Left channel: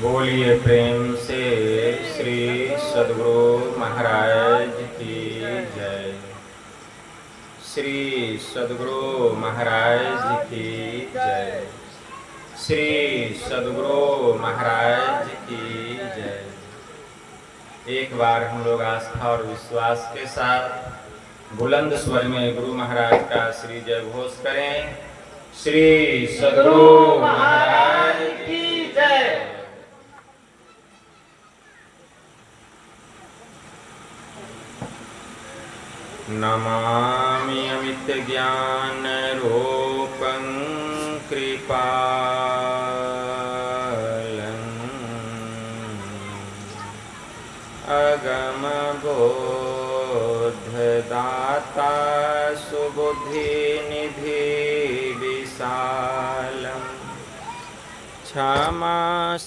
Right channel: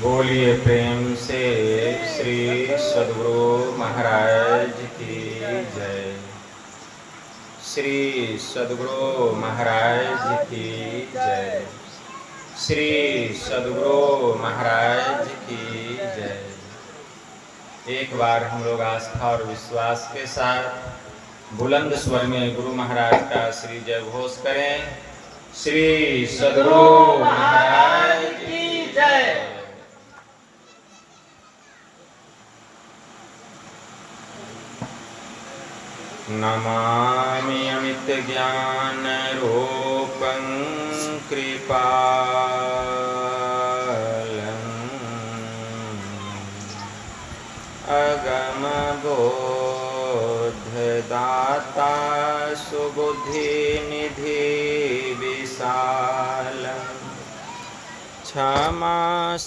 बोलिए प्रेम से श्री सद्गुरु महाराज की जय। श्री सद्गुरु महाराज की जय। श्री सद्गुरु महाराज की जय। एक बार हम लोग आस्था और विश्वास के साथ बुलंद स्वर में गुरु महाराज का श्री जय घोष करें। श्री सद्गुरु महाराज की जय। नमामि अमित ज्ञान रूपं कृपालं अगम बोधदाता सुबुद्धि निधि विशालम् क्षमाशीलयति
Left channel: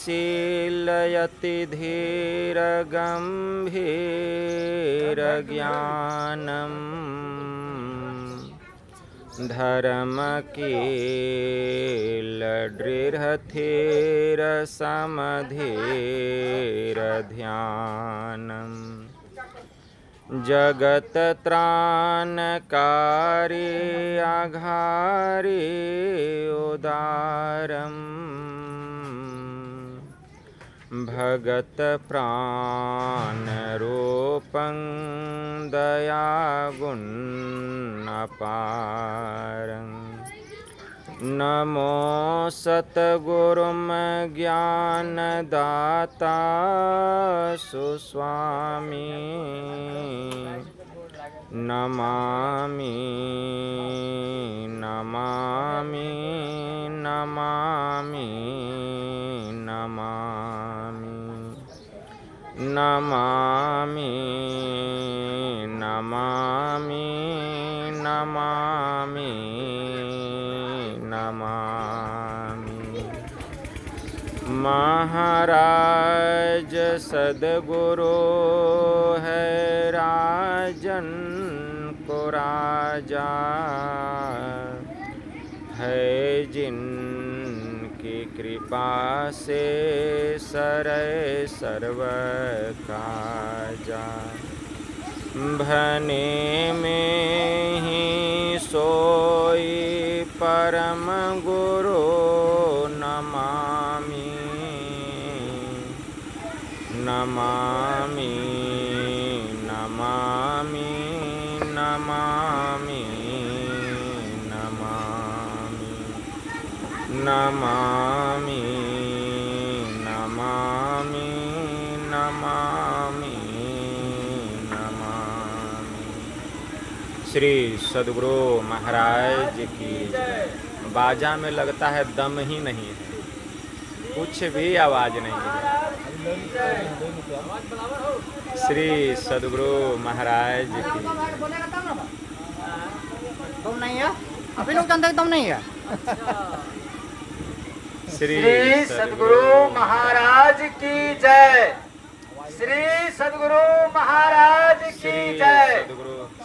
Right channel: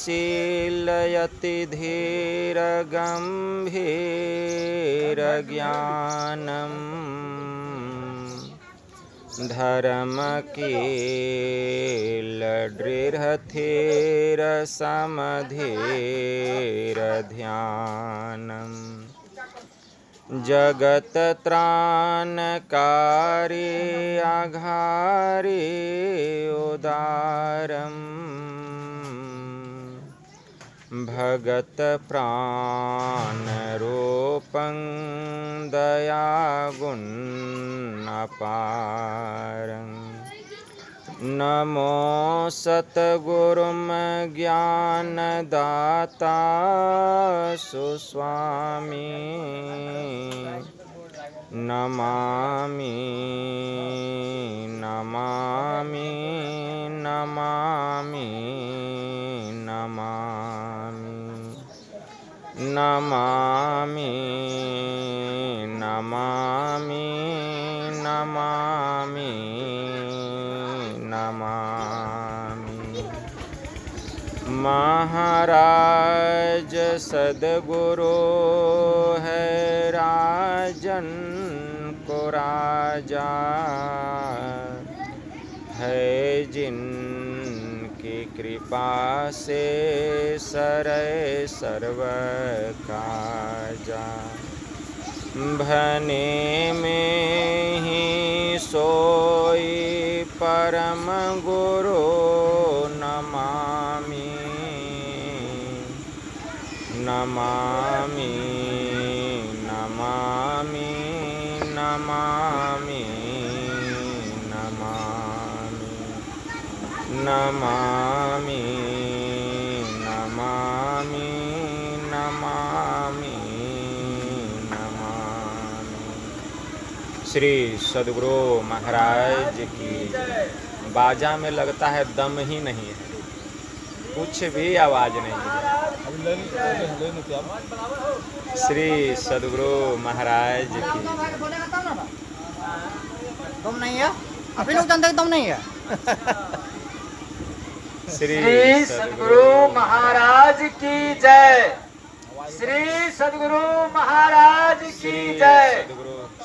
धीर गंभीर ज्ञानम् धर्मकील दृढ़धीर समधीर ध्यानम् जगत त्राणकारी आघारी उदारम् भगत प्राण रूपं दयागुण अपारं नमो सतगुरुम ज्ञानदाता सुस्वामी नमामि नमामि नमामि नमामि नमामि नमामि नमामि नमामि। महाराज सद्गुरु है राजन को राजा है जिनकी कृपा से सरै सर्व काजा भने में ही सोई परम गुरु नमामि नमामि नमामि नमामि नमामि नमामि नमामि नमामि नमामि। श्री सद्गुरु महाराज की बाजा में लगता है दम ही नहीं है, कुछ भी आवाज नहीं है। श्री सद्गुरु महाराज की दम नहीं है, अभी लोग जानते हैं दम नहीं है। श्री सद्गुरु महाराज की जय। श्री सद्गुरु महाराज की जय।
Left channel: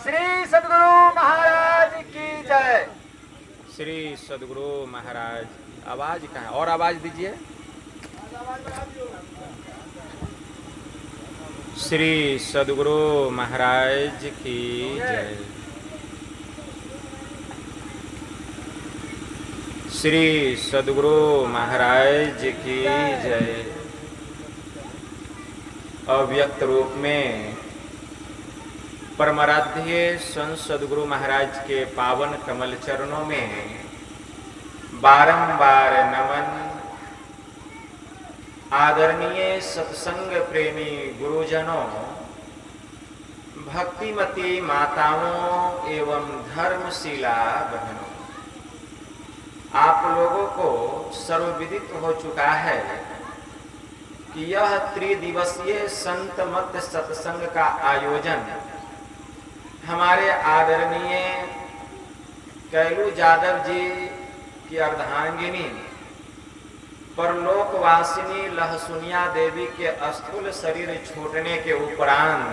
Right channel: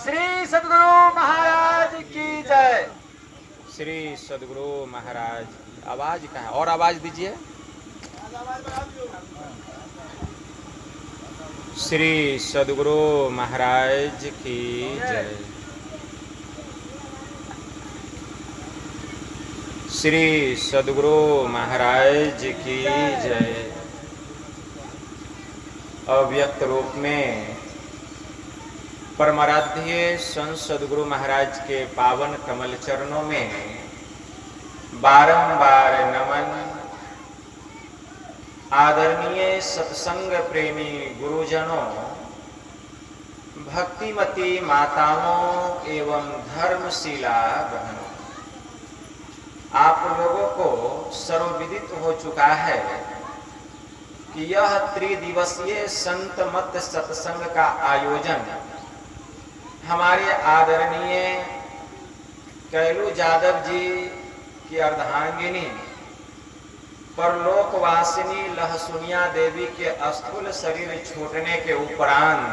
श्री सद्गुरु महाराज की जय। श्री सद्गुरु महाराज की आवाज कहाँ है? और आवाज दीजिए। श्री सद्गुरु महाराज की जय। श्री सद्गुरु महाराज की जय। अव्यक्त रूप में परमाराध्य संत सद्गुरु महाराज के पावन कमल चरणों में बारंबार नमन। आदरणीय सत्संग प्रेमी गुरुजनों, भक्तिमती माताओं एवं धर्मशीला बहनों, आप लोगों को सर्वविदित हो चुका है कि यह त्रिदिवसीय संत मत सत्संग का आयोजन हमारे आदरणीय कैलू यादव जी की अर्धांगिनी परलोकवासिनी लहसुनिया देवी के स्थूल शरीर छूटने के उपरांत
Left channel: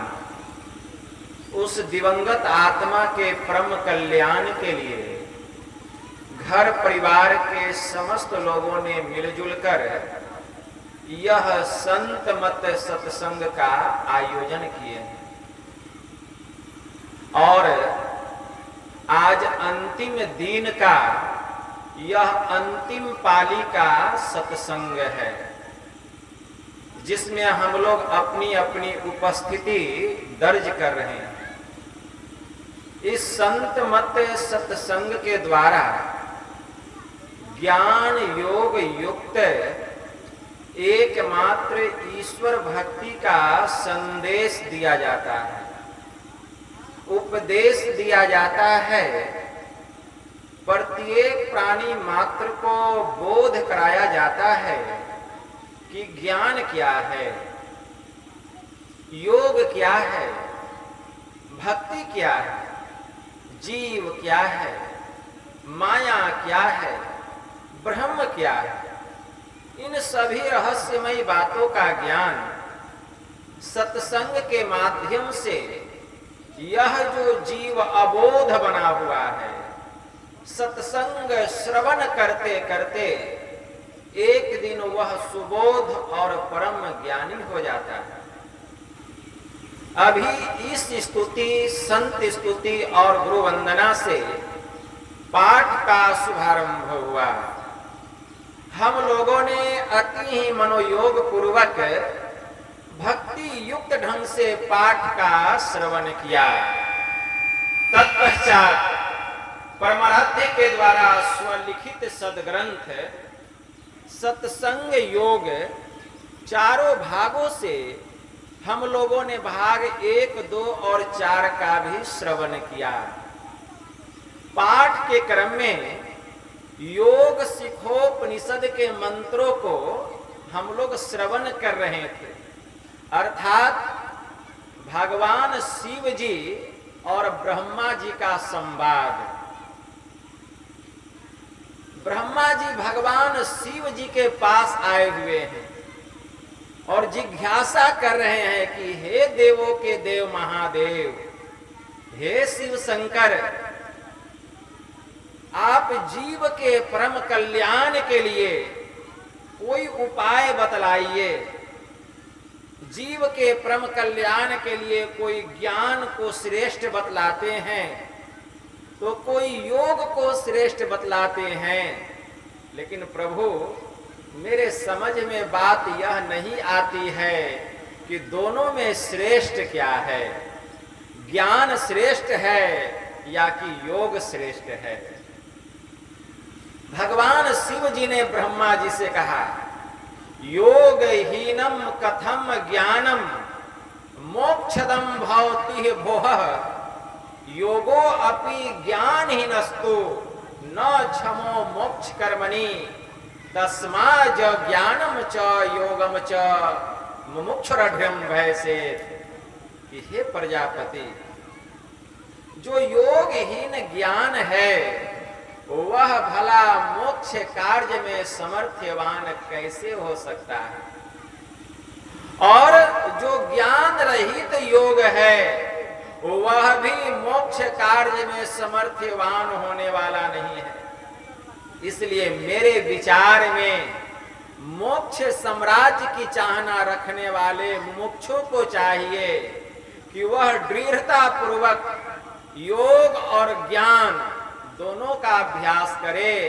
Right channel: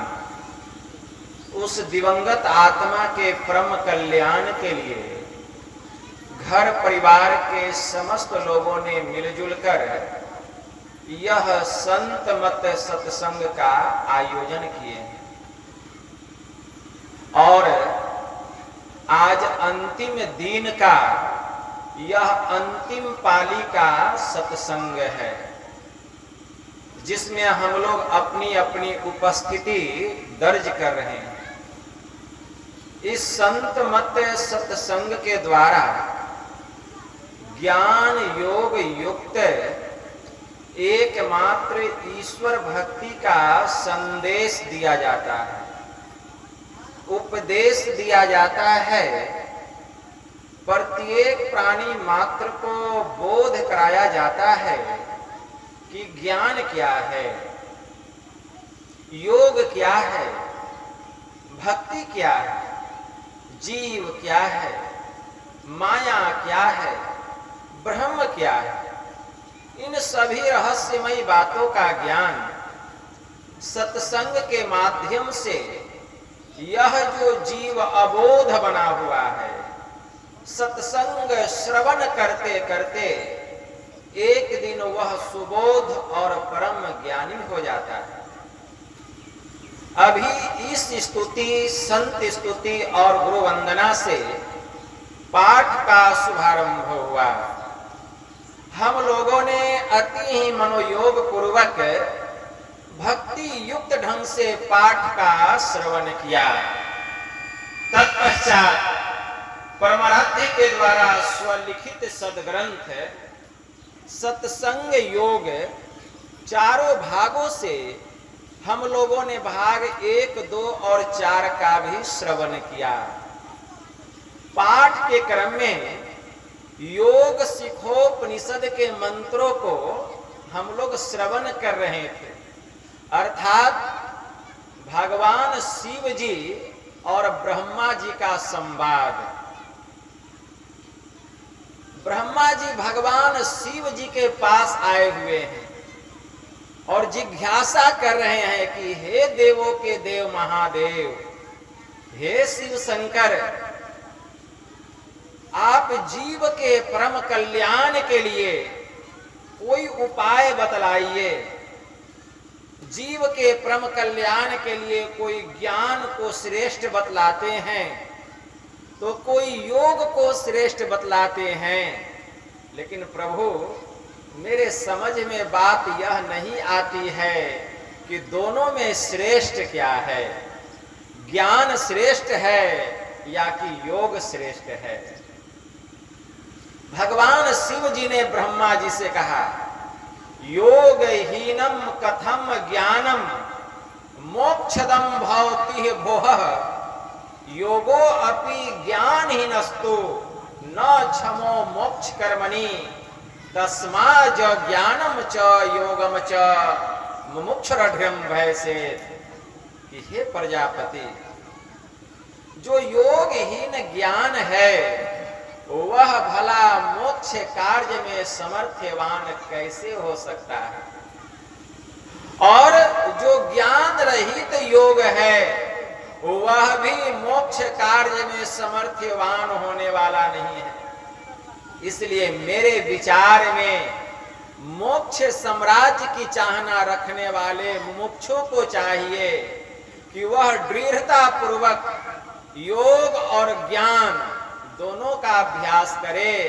उस दिवंगत आत्मा के परम कल्याण के लिए घर परिवार के समस्त लोगों ने मिलजुल कर यह संत मत सत्संग का आयोजन किए हैं और आज अंतिम दिन का यह अंतिम पाली का सत्संग है, जिसमें हम लोग अपनी अपनी उपस्थिति दर्ज कर रहे हैं। इस संत मत सत्संग के द्वारा ज्ञान योग युक्त एकमात्र ईश्वर भक्ति का संदेश दिया जाता है, उपदेश दिया जाता है। प्रत्येक प्राणी मात्र को बोध कराया जाता है कि ज्ञान क्या है, योग क्या है, भक्ति क्या है, जीव क्या है, माया क्या है, ब्रह्म क्या है। इन सभी रहस्यमयी बातों का ज्ञान सत्संग के माध्यम से यह जो जीव अबोध बना हुआ है, सत्संग श्रवण करते करते एक दिन वह सुबोध और परम ज्ञानी हो जाता है। अभी इस स्तुति, संत स्तुति और गुरु वंदना से पाठ का शुभारंभ हुआ। हम लोगों ने अति ही मनोयोग पूर्वक भक्ति युक्त ढंग से पाठ का श्रवण किया। तत्पश्चात परमाराध्य के द्वारा स्वलिखित सदग्रंथ सत्संग योग चारों भागों से हम लोगों ने भाग 1, 2 और 4 का भी श्रवण किया। पाठ के क्रम में योग शिखोपनिषद के मंत्रों को हम लोग श्रवण कर रहे थे, अर्थात भगवान शिव जी और ब्रह्मा जी का संवाद। ब्रह्मा जी भगवान शिव जी के पास आए हुए हैं और जिज्ञासा कर रहे हैं कि हे देवों के देव महादेव, हे शिव शंकर, आप जीव के परम कल्याण के लिए कोई उपाय बतलाइए। जीव के परम कल्याण के लिए कोई ज्ञान को श्रेष्ठ बतलाते हैं तो कोई योग को श्रेष्ठ बतलाते हैं, लेकिन प्रभु मेरे समझ में बात यह नहीं आती है कि दोनों में श्रेष्ठ क्या है, ज्ञान श्रेष्ठ है या कि योग श्रेष्ठ है। भगवान शिव जी ने ब्रह्मा जी से कहा, योगहीनम कथम ज्ञानम मोक्षदम भवति भोह, योगो अपि ज्ञानहीनस्तु न क्षमो मोक्ष कर्मणि, तस्मा ज ज्ञानम च योगम च मुमुक्षुरढ्यम भयसे। कि हे प्रजापति, जो योगहीन ज्ञान है वह भला मोक्ष कार्य में समर्थवान कैसे हो सकता है, और जो ज्ञान रहित योग है वह भी मोक्ष कार्य में समर्थवान होने वाला नहीं है। इसलिए मेरे विचार में मोक्ष साम्राज्य की चाहना रखने वाले मुमुक्षु को चाहिए कि वह दृढ़ता पूर्वक योग और ज्ञान दोनों का अभ्यास करे,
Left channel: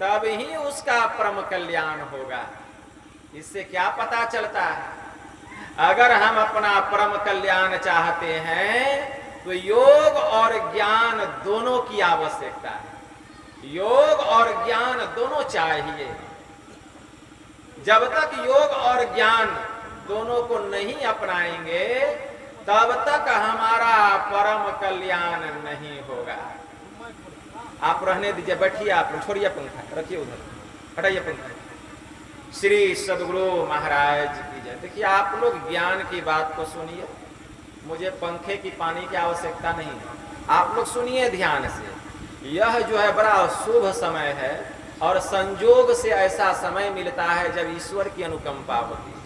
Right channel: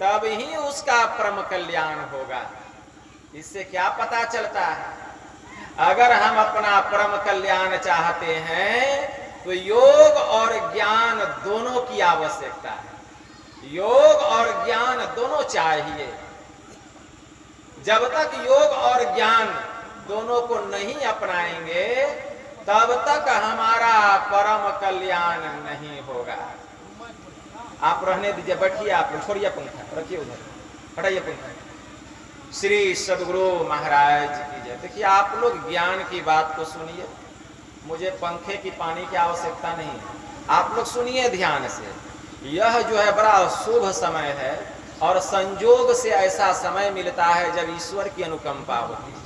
तब ही उसका परम कल्याण होगा। इससे क्या पता चलता है, अगर हम अपना परम कल्याण चाहते हैं तो योग और ज्ञान दोनों की आवश्यकता है। योग और ज्ञान दोनों चाहिए। जब तक योग और ज्ञान दोनों को नहीं अपनाएंगे तब तक हमारा परम कल्याण नहीं होगा। आप रहने दीजिए, बैठिए, आप छोड़िए पंखा, रखिए उधर, हटाइए पंखा। श्री सदगुरु महाराज की जय। देखिए, आप लोग ज्ञान की बात को सुनिए, मुझे पंखे की पानी की आवश्यकता नहीं है। आप लोग सुनिए ध्यान से। यह जो है बड़ा शुभ समय है और संजोग से ऐसा समय मिलता है जब ईश्वर की अनुकंपा होती है।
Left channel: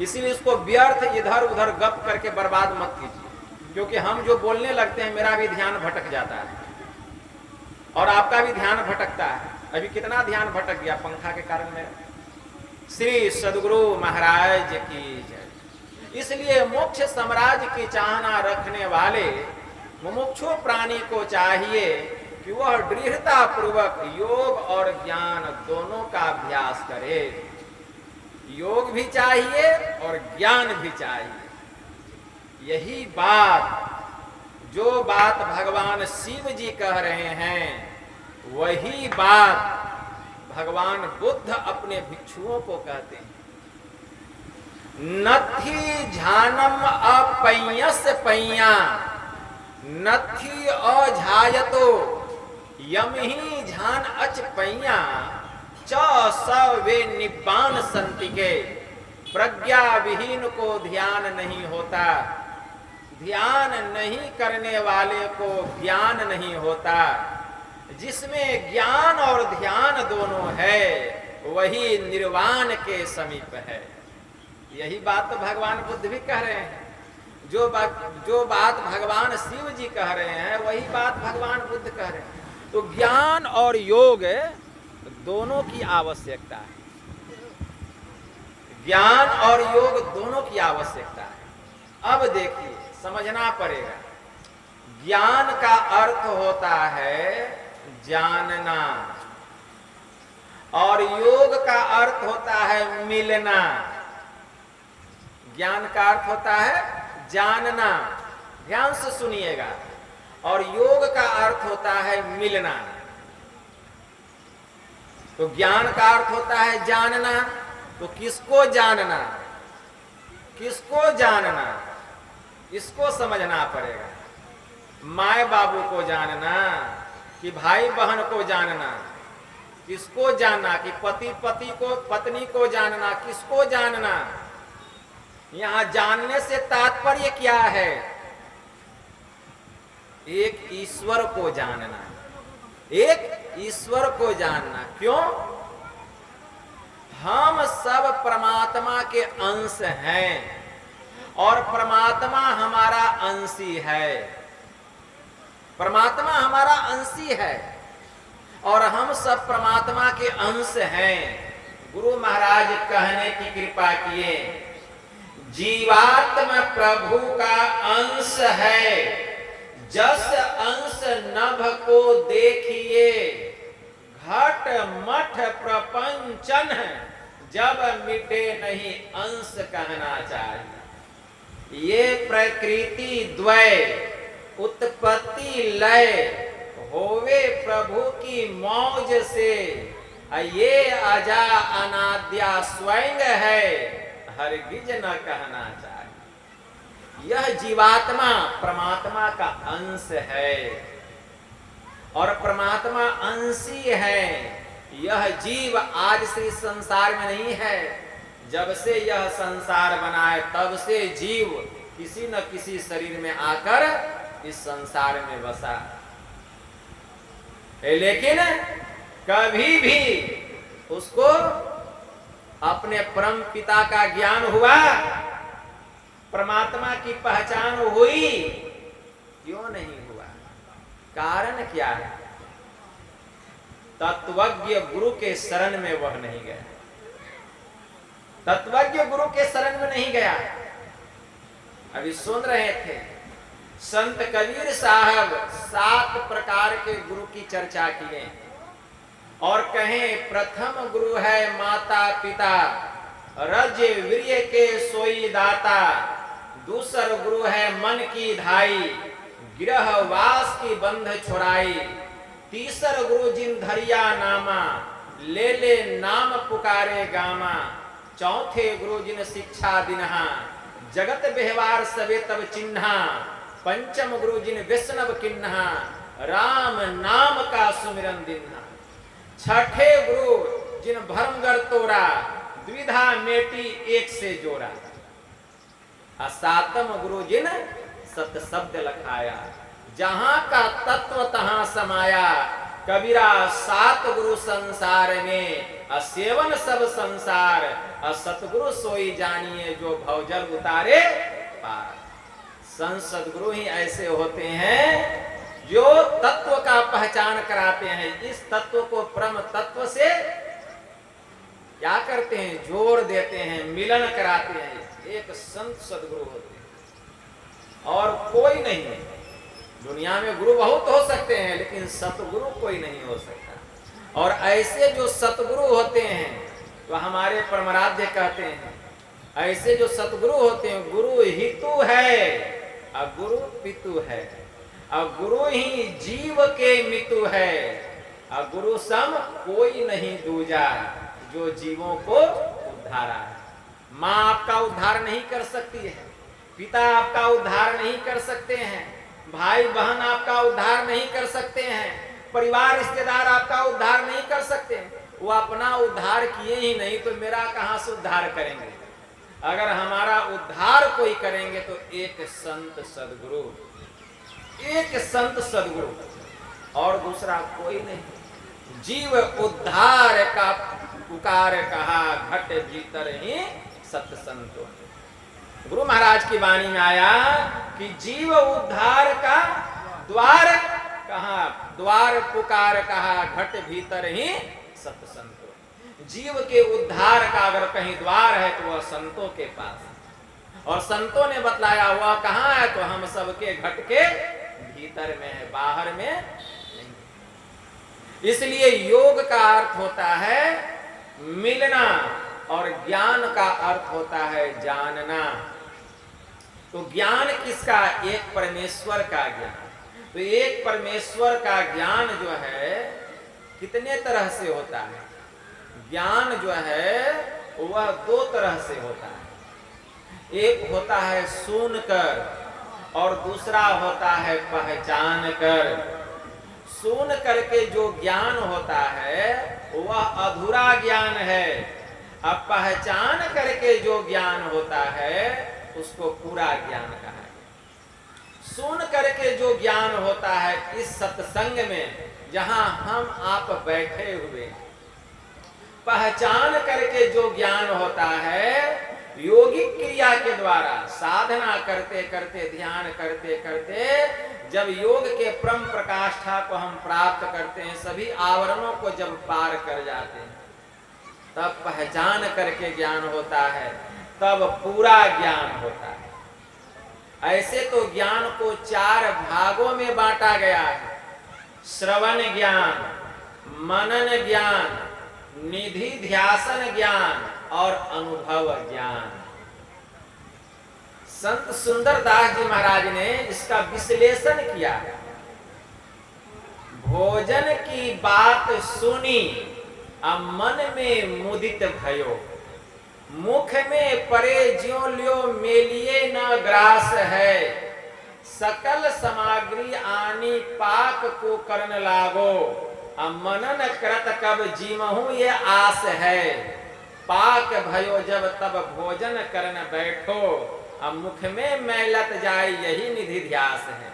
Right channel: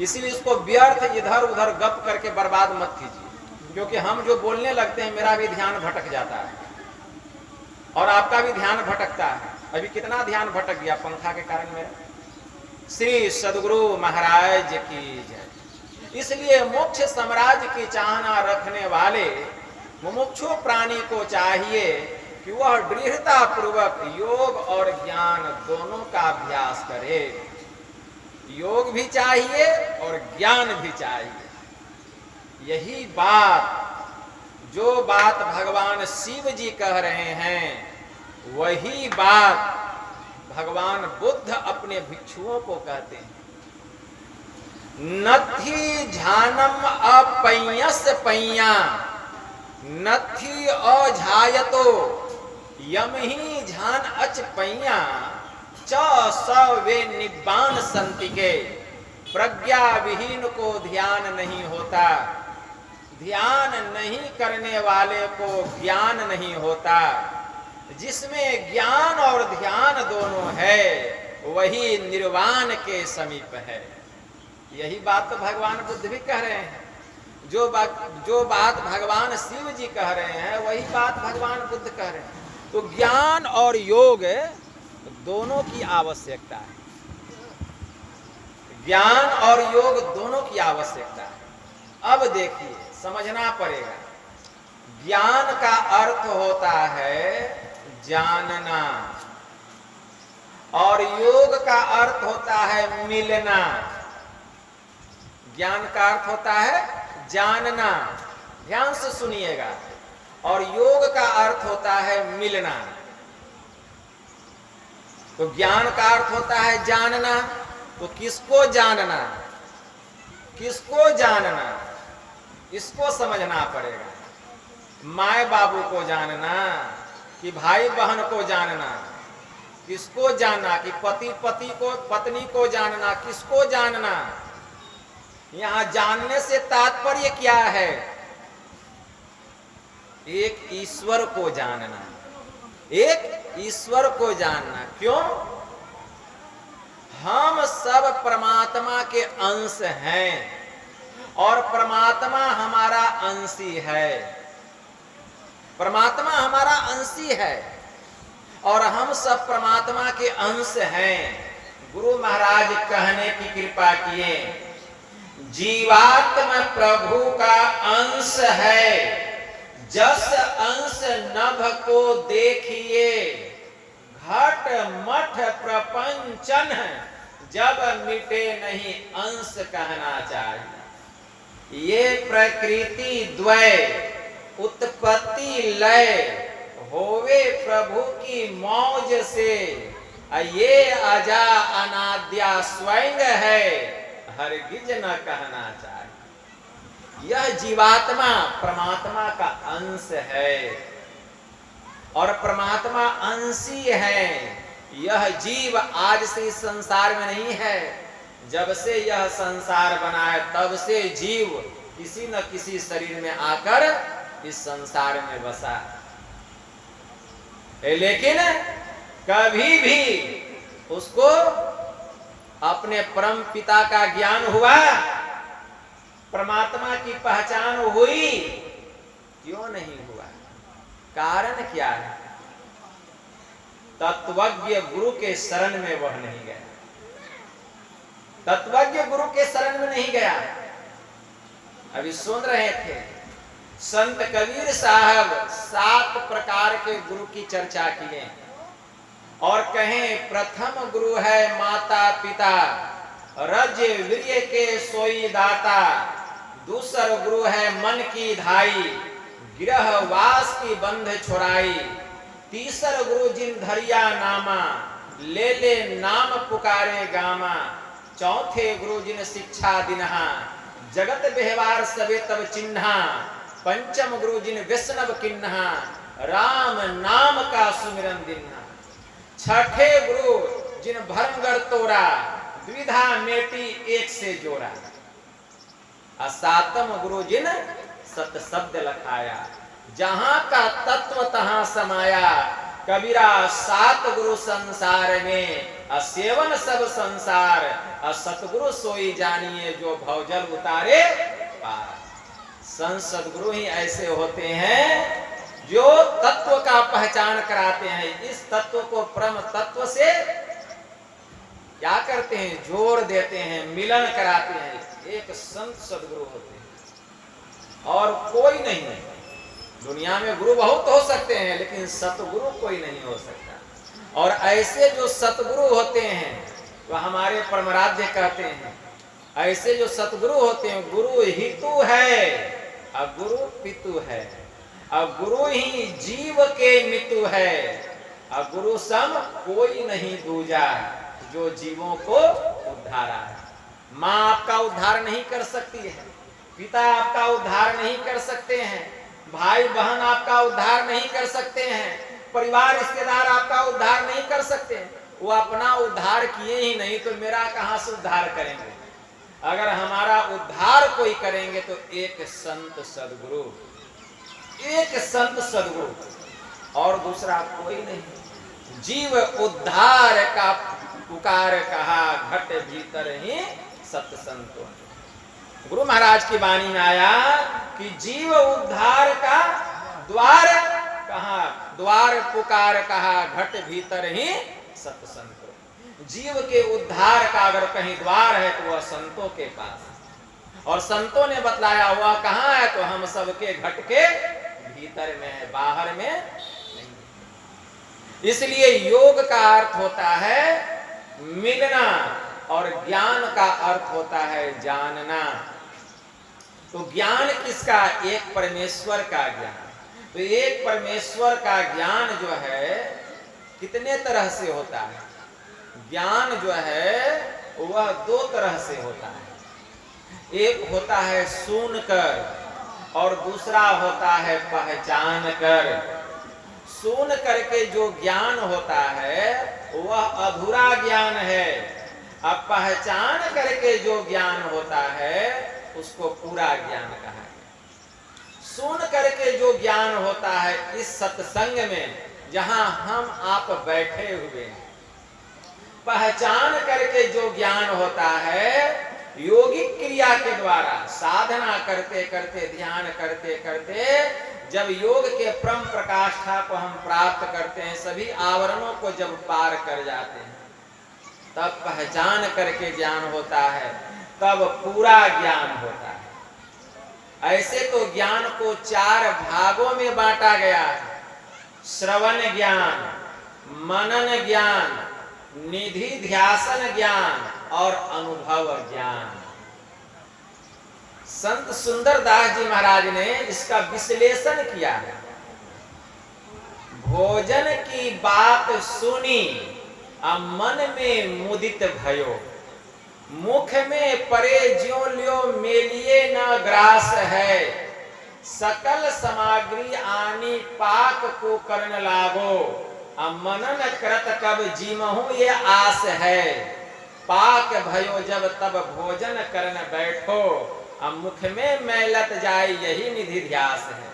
इसीलिए उसको व्यर्थ इधर उधर गप करके बर्बाद मत कीजिए, क्योंकि हम जो बोलने लगते हैं मेरा भी ध्यान भटक जाता है और आपका भी ध्यान भटकता है। अभी कितना ध्यान भटक गया पंखा के कारण मेरा। श्री सद्गुरु महाराज की जय। इसलिए मोक्ष साम्राज्य की चाहना रखने वाले मुमुक्षु प्राणी को चाहिए कि वह दृढ़ता पूर्वक योग और ज्ञान दोनों का अभ्यास करे। योग भी चाहिए और ज्ञान भी चाहिए। यही बात, जो बात भगवान शिव जी कह रहे हैं, वही बात भगवान बुद्ध अपने भिक्षुओं को कहते हैं। नथी झानम अपय्यस पय्या, नथी अझायतो यम ही झान अच पय्या, च वे निब्बान संतिके। प्रज्ञा विहीन को ध्यान नहीं होता, ध्यान नहीं करने वाले को ज्ञान नहीं होता। जिसमें ज्ञान और ध्यान दोनों है वही निर्वाण के समीप है। यही बात तो भगवान बुद्ध भी कह रहे हैं। जो बात भगवान शिव जी कह रहे हैं वही बात भगवान बुद्ध कह रहे हैं। तो ज्ञान और योग दोनों की आवश्यकता है। ज्ञान और योग दोनों की आवश्यकता है। अब देखिए, समझना पड़ेगा। ज्ञान का अर्थ होता है जानना और योग का अर्थ होता है मिलना। ज्ञान का अर्थ होता है जानना, ध्यान से सुनिएगा, और योग का अर्थ होता है मिलना। तो ज्ञान का अर्थ होता है जानना, तो किसको जानना, किसको जानना, इसको समझना पड़ेगा। माए बाबू को जानना कि भाई बहन को जानना, किसको जानना, कि पति को पत्नी को जानना, किसको जानना। यहां जानने से तात्पर्य क्या है? एक ईश्वर को जानना, एक ईश्वर को जानना। क्यों? हम सब परमात्मा के अंश हैं और परमात्मा हमारा अंशी है। परमात्मा हमारा अंशी है और हम सब परमात्मा के अंश हैं। गुरु महाराज कहने की कृपा किए, जीवात्मा प्रभु का अंश है, जस अंश नभ को देखिए, घट मठ प्रपंचन जब मिटे नहीं अंश कहना चाहिए। ये प्रकृति द्वय उत्पत्ति लय होवे प्रभु की मौज से, ये अजा अनाद्या स्वयं है, हरगिज न कहना चाहिए। यह जीवात्मा परमात्मा का अंश है और परमात्मा अंशी है। यह जीव आज से इस संसार में नहीं है। जब से यह संसार बना है तब से जीव किसी न किसी शरीर में आकर इस संसार में बसा, लेकिन कभी भी उसको अपने परम पिता का ज्ञान हुआ, परमात्मा की पहचान हुई? क्यों नहीं हुआ? कारण क्या है? तत्वज्ञ गुरु के शरण में वह नहीं गया, तत्वज्ञ गुरु के शरण में नहीं गया। अभी सुन रहे थे संत कबीर साहब 7 प्रकार के गुरु की चर्चा किए और कहें प्रथम गुरु है माता पिता, रज वीर्य के सोई दाता। दूसर गुरु है मन की धाई, गृह वास की बंध छुड़ाई। तीसर गुरु जिन धरिया नामा, ले ले नाम पुकारे गामा। चौथे गुरु जिन शिक्षा दिनहा, जगत व्यवहार सबे तब चिन्हा। पंचम गुरु जिन वैष्णव किन्हा, राम नाम का सुमिरन दिन्हा। छठे गुरु जिन भरमगर तोरा, द्विधा मेटी एक से जोड़ा। और सातम गुरु जिन सत शब्द लखाया, जहां का तत्व तहां समाया। कबीरा 7 गुरु संसार में, असेवन सब संसार। सतगुरु सोई जानिए जो भवजल उतारे पार। संत गुरु ही ऐसे होते हैं जो तत्व का पहचान कराते हैं। इस तत्व को परम तत्व से क्या करते हैं, जोर देते हैं, मिलन कराते हैं, एक संत सदगुरु होते हैं और कोई नहीं है। दुनिया में गुरु बहुत हो सकते हैं लेकिन सतगुरु कोई नहीं हो सकता। और ऐसे जो सतगुरु होते हैं तो हमारे परमराध्य कहते हैं, ऐसे जो सतगुरु होते हैं, गुरु हितु है और गुरु पितु है, और गुरु ही जीव के मितु है, और गुरु सम कोई नहीं दूजा जो जीवों को उद्धारा है। माँ आपका उद्धार नहीं कर सकती है, पिता आपका उद्धार नहीं कर सकते हैं, भाई बहन आपका उद्धार नहीं कर सकते हैं, परिवार रिश्तेदार आपका उद्धार नहीं कर सकते हैं। वो अपना उद्धार किए ही नहीं तो मेरा कहां से उद्धार करेंगे। अगर हमारा उद्धार कोई करेंगे तो एक संत सदगुरु, एक संत सदगुरु, और दूसरा कोई नहीं। जीव उद्धार का पुकार कहा, घट भीतर ही सत्संतों ने। गुरु महाराज की वाणी में आया कि जीव उद्धार का द्वार कहा, द्वार पुकार कहा, घट भीतर ही सत्संतों। जीव के उद्धार का अगर कहीं द्वार है तो वह संतों के पास है, और संतों ने बतलाया वह कहाँ है, तो हम सबके घट के भीतर में है, बाहर में नहीं। इसलिए योग का अर्थ होता है मिलना और ज्ञान का अर्थ होता है जानना। तो ज्ञान किसका, एक परमेश्वर का ज्ञान। तो एक परमेश्वर का ज्ञान जो है कितने तरह से होता है। ज्ञान जो है वह दो तरह से होता है, एक होता है सुनकर और दूसरा होता है पहचान कर। सुन करके जो ज्ञान होता है वह अधूरा ज्ञान है, अब पहचान करके जो ज्ञान होता है उसको पूरा ज्ञान कहा गया। सुन करके जो ज्ञान होता है इस सत्संग में जहां हम आप बैठे हुए, पहचान करके जो ज्ञान होता है योगिक क्रिया के द्वारा, साधना करते करते, ध्यान करते करते जब योग के परम प्रकाष्ठा को हम प्राप्त करते हैं, सभी आवरणों को जब पार कर जाते हैं, तब पहचान करके ज्ञान होता है, तब पूरा ज्ञान होता है। ऐसे तो ज्ञान को चार भागों में बांटा गया है, श्रवण ज्ञान, मनन ज्ञान, निधि ध्यासन ज्ञान और अनुभव ज्ञान। संत सुंदरदास जी महाराज ने इसका विश्लेषण किया। भोजन की बात सुनी अब मन में मुदित भयो, मुख में परे ज्यों ल्यो मेलिए न ग्रास है, सकल सामग्री आनी पाक को करन लागो, अब मनन करत कब जीमहु ये आस है, पाक भयो जब तब भोजन करन बैठो, अब मुख में मैलत जाए यही निधि ध्यास है,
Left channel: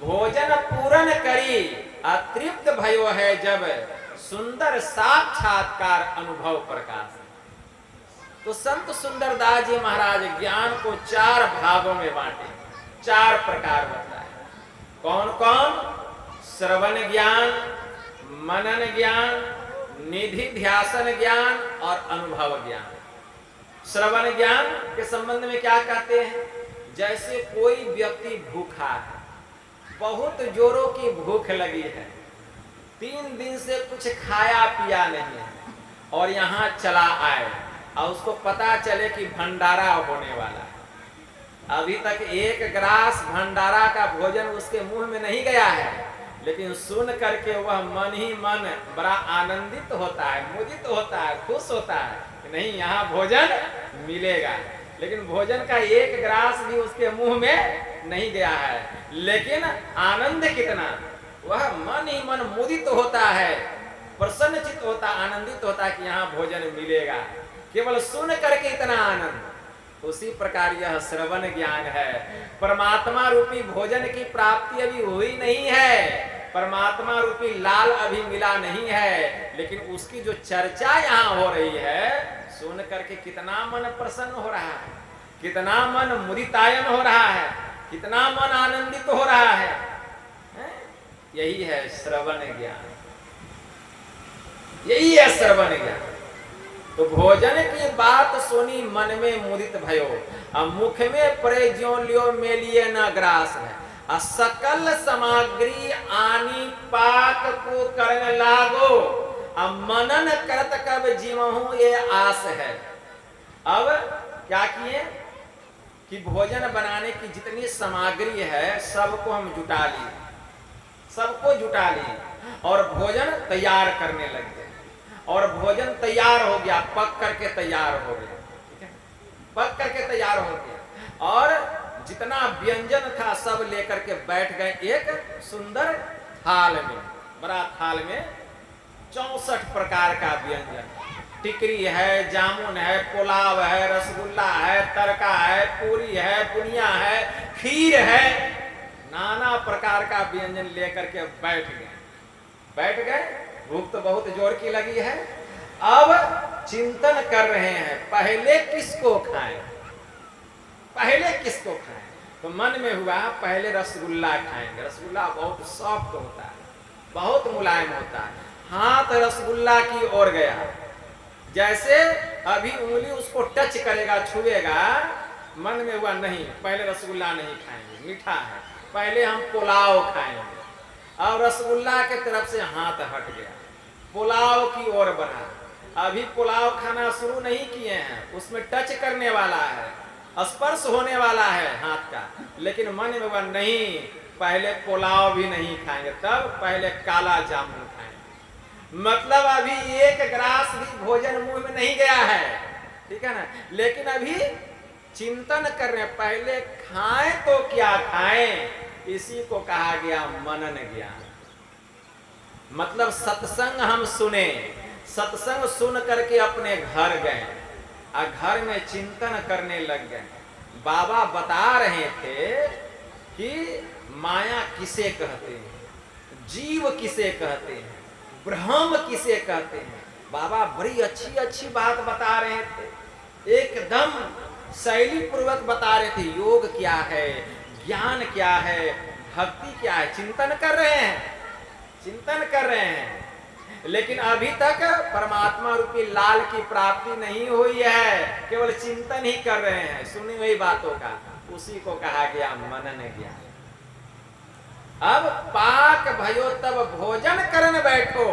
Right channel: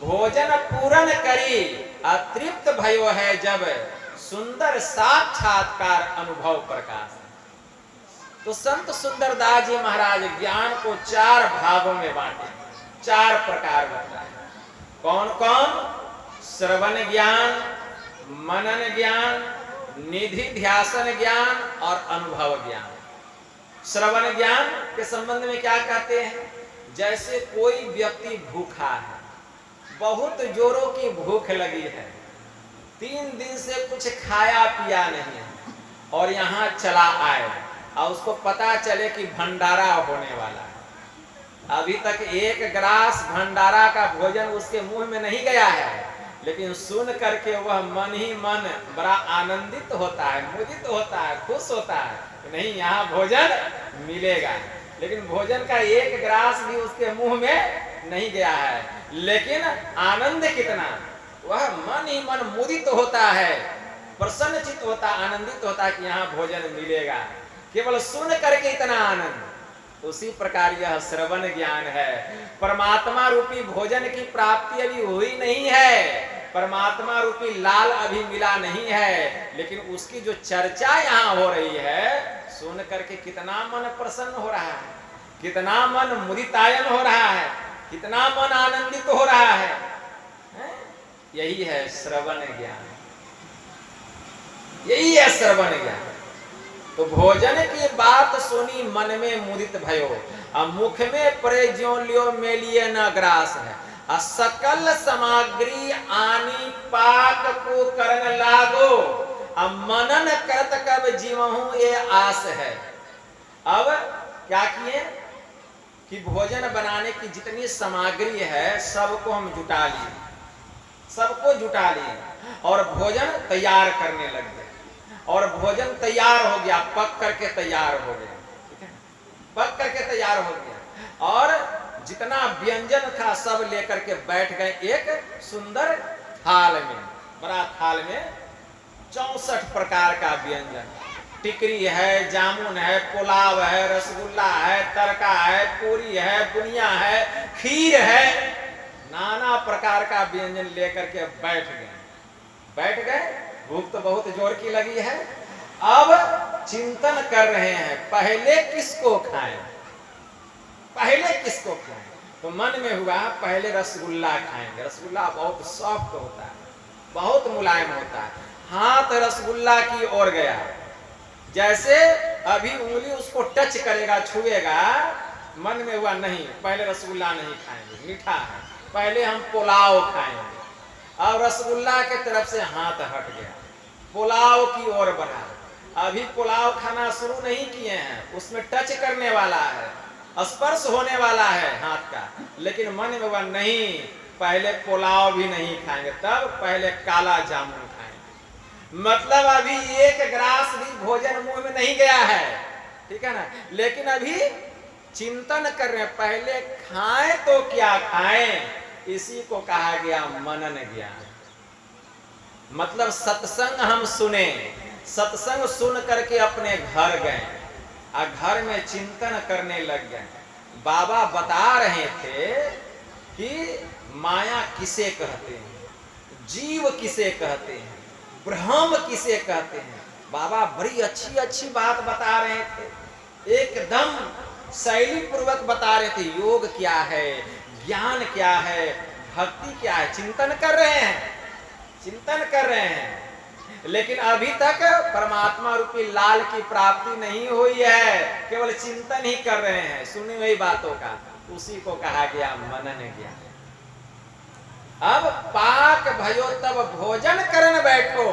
भोजन पूरन करी अतृप्त भयो है जब, सुंदर साक्षात्कार अनुभव प्रकाश है। तो संत सुंदरदास जी महाराज ज्ञान को चार भागों में बांटे, चार प्रकार बताए। कौन कौन? श्रवण ज्ञान, मनन ज्ञान, निधि ध्यासन ज्ञान और अनुभव ज्ञान। श्रवण ज्ञान के संबंध में क्या कहते हैं? जैसे कोई व्यक्ति भूखा है, बहुत जोरों की भूख लगी है, 3 दिन से कुछ खाया पिया नहीं है, और यहाँ चला आए और उसको पता चले कि भंडारा होने वाला है। अभी तक एक गिलास भंडारा का भोजन उसके मुंह में नहीं गया है, लेकिन सुन करके वह मन ही मन बड़ा आनंदित होता है, मुदित होता है, खुश होता है कि नहीं यहाँ भोजन मिलेगा। लेकिन भोजन का एक गिलास भी उसके मुंह में नहीं गया है, लेकिन आनंद कितना, वह मन ही मन मुदित होता है, प्रसन्नचित होता, आनंदित होता है कि यहाँ भोजन मिलेगा। केवल सुन करके इतना आनंद। उसी प्रकार यह श्रवण ज्ञान है। परमात्मा रूपी भोजन की प्राप्ति अभी हुई नहीं है, परमात्मा रूपी लाल अभी मिला नहीं है, लेकिन उसकी जो चर्चा यहाँ हो रही है, सुन करके कितना मन प्रसन्न हो रहा है, कितना मन मुदितायन हो रहा है, कितना मन आनंदित हो रहा है। यही है श्रवण ज्ञान, यही है श्रवण ज्ञान। तो भोजन की बात सुनी मन में मुदित भयो, अब मुख में परे ज्यों लियो मेलिए न ग्रास है, सकल सामग्री आनी पाक को करन लागो, अब मनन करत कब जीवहूं ये आस है। अब क्या किए कि भोजन बनाने की जितनी सामग्री है सबको हम जुटा लिए, सबको जुटा लिए और भोजन तैयार करने लग गए। और भोजन तैयार हो गया, पक करके तैयार हो गया, ठीक है, पक करके तैयार हो गया। और जितना व्यंजन था सब लेकर के बैठ गए एक सुंदर थाल में, बड़ा थाल में 64 प्रकार का व्यंजन, टिकरी है, जामुन है, पुलाव है, रसगुल्ला है, तड़का है, पूरी है, बुनिया है, खीर है, नाना प्रकार का व्यंजन लेकर के बैठ गए। भूख तो बहुत जोर की लगी है। अब चिंतन कर रहे हैं पहले किसको खाएं, पहले किसको खाएं। तो मन में हुआ पहले रसगुल्ला खाएंगे, रसगुल्ला बहुत सॉफ्ट होता है, बहुत मुलायम होता है। हाथ रसगुल्ला की ओर गया, जैसे अभी उंगली उसको टच करेगा, छुएगा, मन में हुआ नहीं पहले रसगुल्ला नहीं खाएंगे, मीठा है, पहले हम पुलाव खाएंगे। अब रसगुल्ला के तरफ से हाथ हट गया, पुलाव की ओर बढ़ा। अभी पुलाव खाना शुरू नहीं किए हैं, उसमें टच करने वाला है, स्पर्श होने वाला है हाथ का, लेकिन मन में हुआ नहीं पहले पुलाव भी नहीं खाएंगे, तब पहले काला जामुन खाएंगे। मतलब अभी एक गिलास भी भोजन मुंह में नहीं गया है, ठीक है ना, लेकिन अभी चिंतन कर रहे हैं पहले खाएं तो क्या खाएं। इसी को कहा गया मनन ज्ञान। मतलब सत्संग हम सुने, सत्संग सुन करके अपने घर गए और घर में चिंतन करने लग गए। बाबा बता रहे थे कि माया किसे कहते हैं, जीव किसे कहते हैं, ब्रह्म किसे कहते हैं। बाबा बड़ी अच्छी अच्छी बात बता रहे थे, एकदम शैली पूर्वक बता रहे थे। योग क्या है, ज्ञान क्या है, भक्ति क्या है, चिंतन कर रहे हैं, चिंतन कर रहे हैं। लेकिन अभी तक परमात्मा रूपी लाल की प्राप्ति नहीं हुई है, केवल चिंतन ही कर रहे हैं सुनी हुई बातों का। उसी को कहा गया मनन ज्ञान। अब पाक भयो तब भोजन करन बैठो,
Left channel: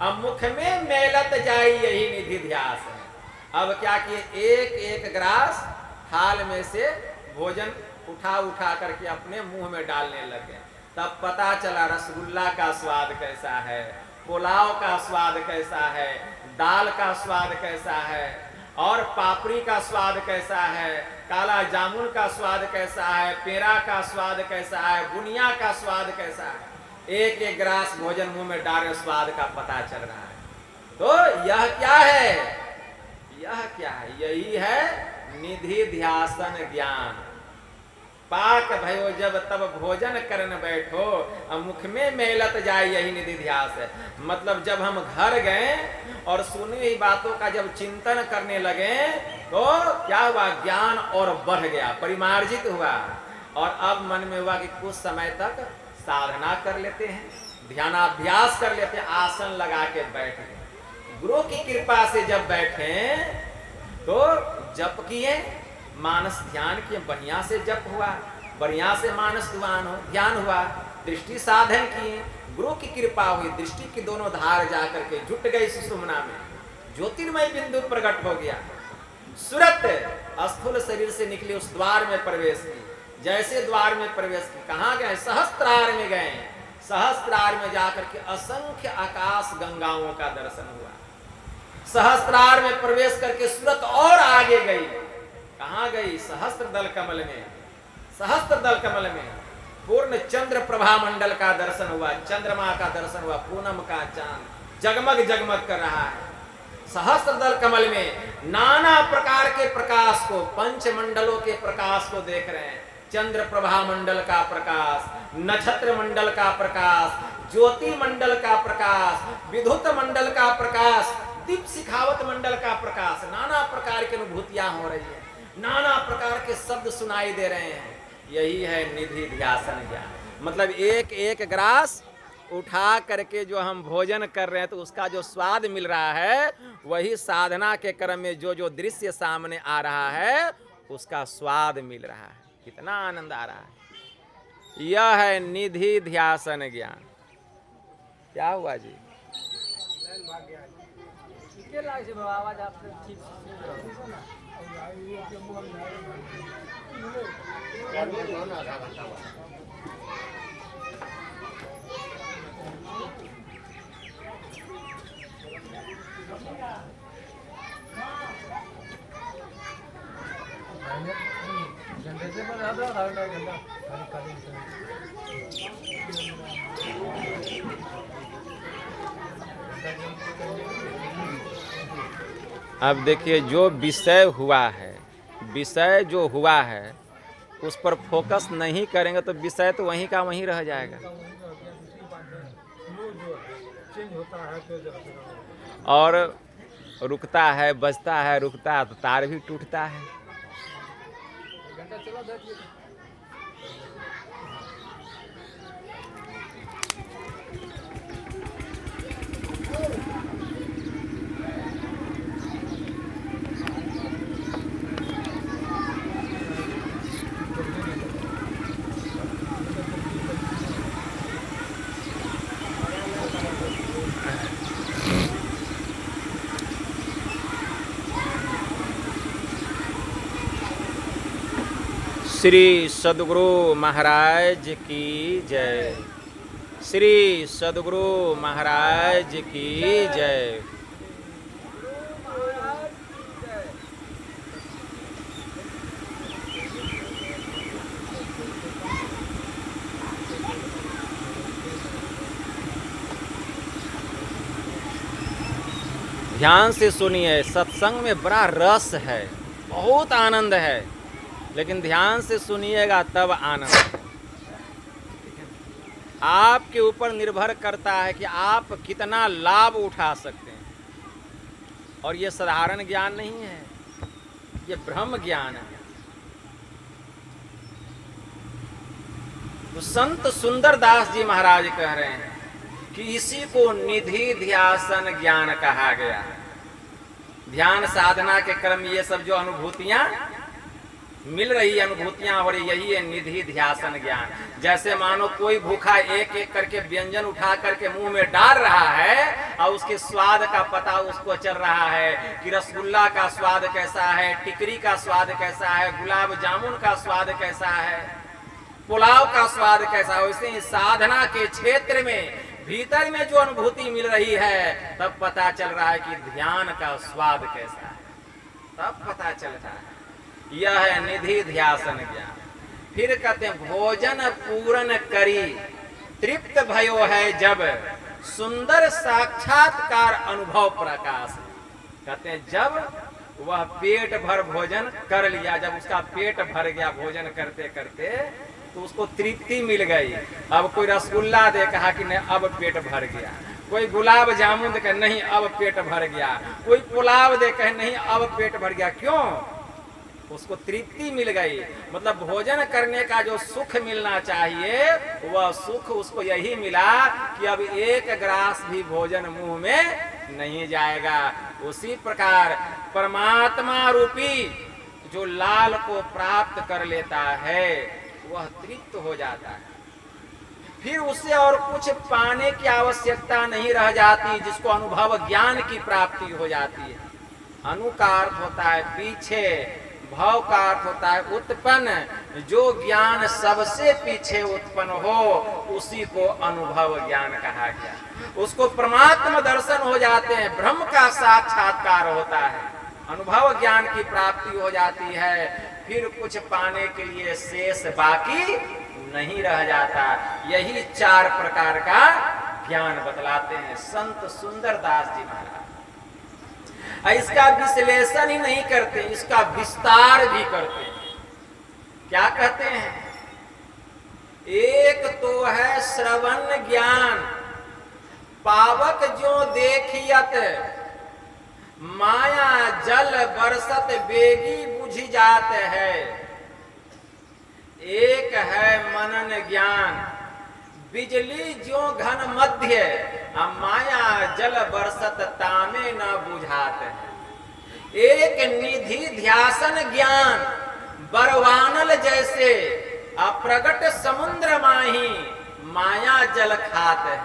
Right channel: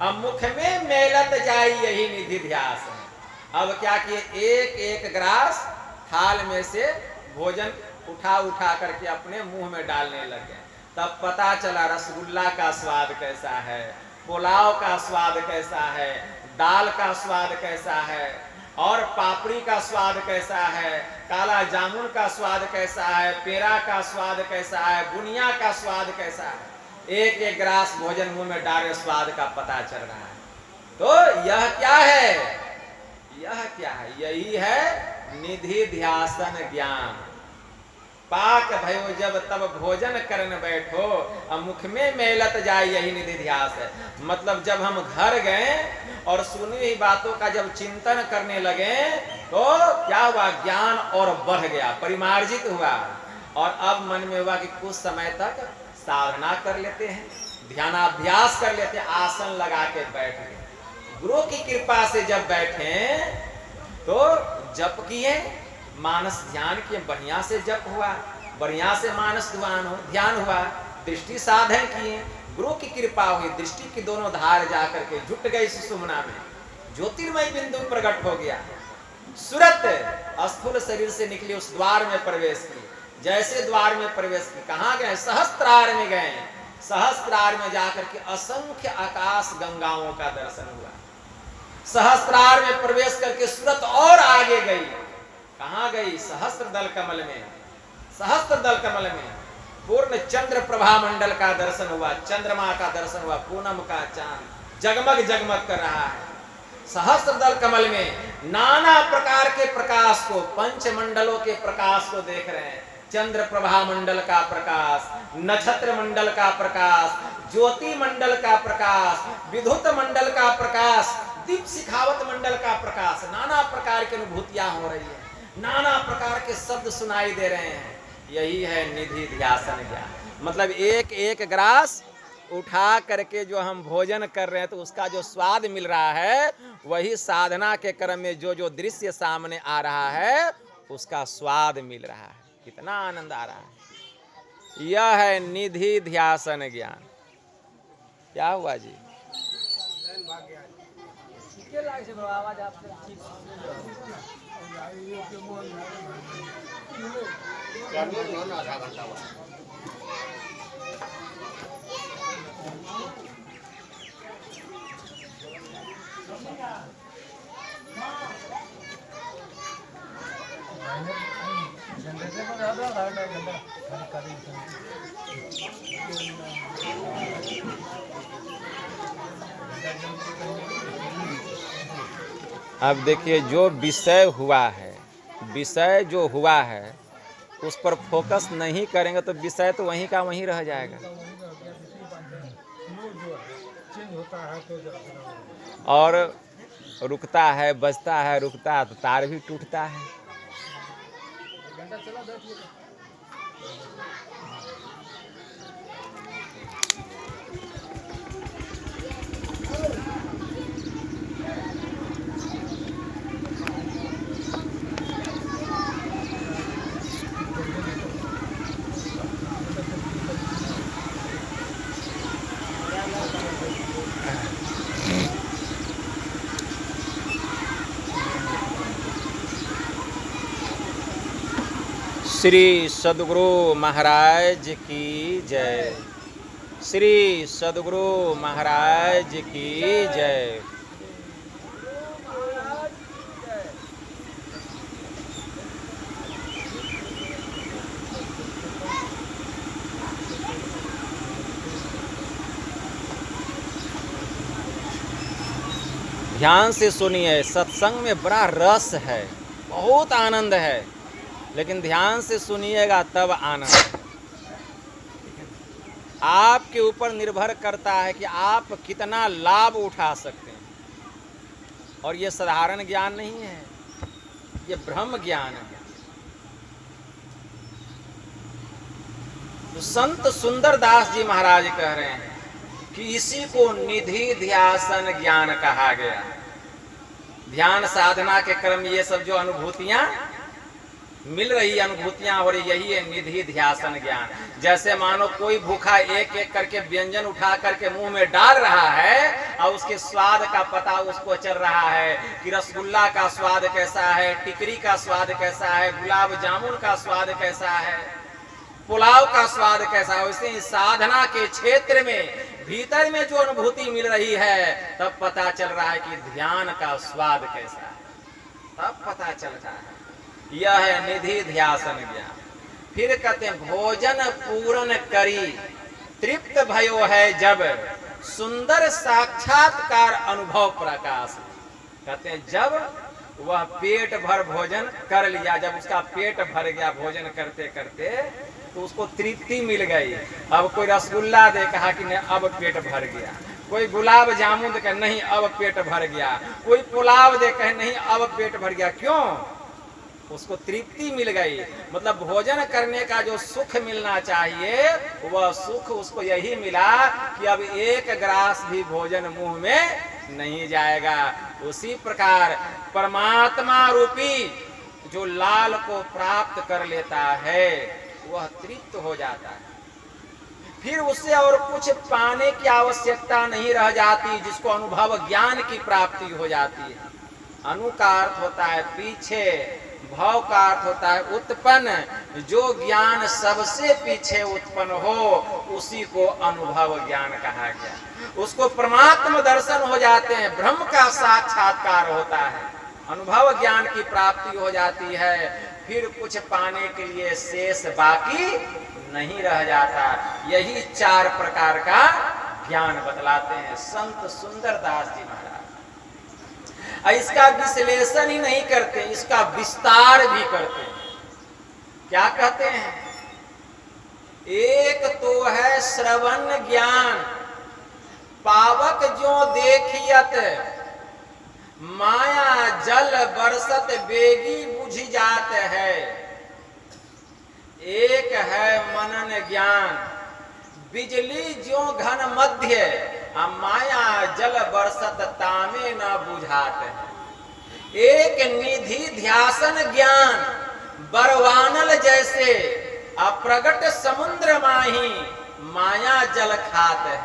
अब मुख में मेलत जाई यही निधि ध्यास है। अब क्या किए, एक एक ग्रास थाल में से भोजन उठा करके अपने मुंह में डालने लगे। तब पता चला रसगुल्ला का स्वाद कैसा है, पुलाव का स्वाद कैसा है, दाल का स्वाद कैसा है, और पापड़ी का स्वाद कैसा है, काला जामुन का स्वाद कैसा है, पेड़ा का स्वाद कैसा है, बुनिया का स्वाद कैसा है। एक एक गिलास भोजन मुंह में डाले स्वाद का पता चल रहा है। तो यह क्या है, यह क्या है, यही है निधि ध्यासन ज्ञान। पाक भयो जब तब भोजन करन बैठो, अब मुख में मेलत जाए यही निधि ध्यास है। मतलब जब हम घर गए और सुनी हुई बातों का जब चिंतन करने लगे तो क्या हुआ, ज्ञान और बढ़ गया, परिमार्जित हुआ। और अब मन में हुआ कि कुछ समय तक साधना कर लेते हैं, ध्यानाभ्यास कर लेते हैं, आसन लगा के बैठ गए। गुरु की कृपा से जब बैठे तो जप किए, मानस ध्यान किए, बढ़िया से जप हुआ, बढ़िया से मानस ध्यान हुआ, दृष्टि साधन किए, गुरु की कृपा हुई, दृष्टि की दोनों धार जाकर के जुट गई सुषुम्ना में, ज्योतिर्मय बिंदु प्रकट हो गया। सूरत स्थूल शरीर से निकली उस द्वार में प्रवेश की। जैसे द्वार में प्रवेश की, कहाँ गए, सहस्त्रार में गए। सहस्त्रार में जाकर के असंख्य आकाश गंगाओं का दर्शन हुआ। सहस्त्रार में प्रवेश करके सूरत और आगे गई, कहाँ गई, सहस्त्र दल कमल में। सहस्त्र दल कमल में पूर्ण चंद्र प्रभा मंडल का दर्शन हुआ, चंद्रमा का दर्शन हुआ, पूनम का चांद जगमग जगमग कर रहा है। सहस्त्र दल कमल में नाना प्रकार के प्रकाश को, पंच मंडलों के प्रकाश को देख रहे हैं। चंद्र प्रभा मंडल का प्रकाश, नक्षत्र मंडल का प्रकाश, ज्योति मंडल का प्रकाश, विद्युत मंडल का प्रकाश, दीप शिखावत मंडल का प्रकाश। नाना प्रकार की अनुभूतियां हो रही है, नाना प्रकार के शब्द सुनाई दे रहे हैं। यही है निधि ध्यासन ज्ञान। मतलब एक एक ग्रास उठा करके जो हम भोजन कर रहे हैं तो उसका जो स्वाद मिल रहा है, वही साधना के क्रम में जो जो दृश्य सामने आ रहा है उसका स्वाद मिल रहा है। कितना आनंद आ रहा है। यह है निधि ध्यासन ज्ञान। क्या हुआ जी? अब देखिए, जो विषय हुआ है, विषय जो हुआ है उस पर फोकस नहीं करेंगे तो विषय तो वहीं का वहीं रह जाएगा। और रुकता है, बजता है, रुकता है तो तार भी टूटता है। श्री सद्गुरु महाराज की जय। श्री सद्गुरु महाराज की जय। ध्यान से सुनिए, सत्संग में बड़ा रस है, बहुत आनंद है, लेकिन ध्यान से सुनिएगा तब आनंद है। आपके ऊपर निर्भर करता है कि आप कितना लाभ उठा सकते हैं। और ये साधारण ज्ञान नहीं है, ये ब्रह्म ज्ञान है। तो संत सुंदरदास जी महाराज कह रहे हैं कि इसी को निधि ध्यासन ज्ञान कहा गया। ध्यान साधना के क्रम में ये सब जो अनुभूतियां मिल रही, अनुभूतियां हो रही, यही है निधि ध्यासन ज्ञान। जैसे मानो कोई भूखा एक एक करके व्यंजन उठा करके मुंह में डाल रहा है और उसके स्वाद का पता उसको चल रहा है कि रसगुल्ला का स्वाद कैसा है, टिकरी का स्वाद कैसा है, गुलाब जामुन का स्वाद कैसा है, पुलाव का स्वाद कैसा है। वैसे साधना के क्षेत्र में भीतर में जो अनुभूति मिल रही है तब पता चल रहा है कि ध्यान का स्वाद कैसा है, तब पता चलता है। यह है निधि ध्यासन ज्ञान। फिर कहते हैं भोजन पूर्ण करी तृप्त भयो है जब सुंदर साक्षात्कार अनुभव प्रकाश। कहते हैं जब वह पेट भर भोजन कर लिया, जब उसका पेट भर गया भोजन करते करते तो उसको तृप्ति मिल गई। अब कोई रसगुल्ला दे, कहा कि नहीं अब पेट भर गया। कोई गुलाब जामुन दे, कहे नहीं अब पेट भर गया। कोई पुलाव दे, कहे नहीं अब पेट भर गया। क्यों? उसको तृप्ति मिल गई। मतलब भोजन करने का जो सुख मिलना चाहिए वह सुख उसको यही मिला कि अब एक ग्रास भी भोजन मुंह में नहीं जाएगा। उसी प्रकार परमात्मा रूपी जो लाल को प्राप्त कर लेता है वह तृप्त हो जाता है। फिर उससे और कुछ पाने की आवश्यकता नहीं रह जाती, जिसको अनुभव ज्ञान की प्राप्ति हो जाती है। अनु का अर्थ होता है पीछे, भाव का अर्थ होता है उत्पन्न। जो ज्ञान सबसे पीछे उत्पन्न हो उसी को अनुभव ज्ञान कहा गया। उसको परमात्मा दर्शन हो जाते हैं, ब्रह्म का साक्षात्कार होता है, अनुभव ज्ञान की प्राप्ति हो जाती है। फिर कुछ पाने के लिए शेष बाकी नहीं रह जाता। यही 4 प्रकार का ज्ञान बतलाते हैं संत सुंदरदास जी महाराज। इसका विश्लेषण ही नहीं करते, इसका विस्तार भी करते हैं। क्या कहते हैं? एक तो है श्रवण ज्ञान, पावक जो देखियत माया जल बरसत बेगी बुझी जात है। एक है मनन ज्ञान, बिजली ज्यो घन मध्य माया जल बरसत तामे न बुझात है। एक निधि ध्यासन ज्ञान बरवानल जैसे अप्रगट समुद्र माही माया जल खात है।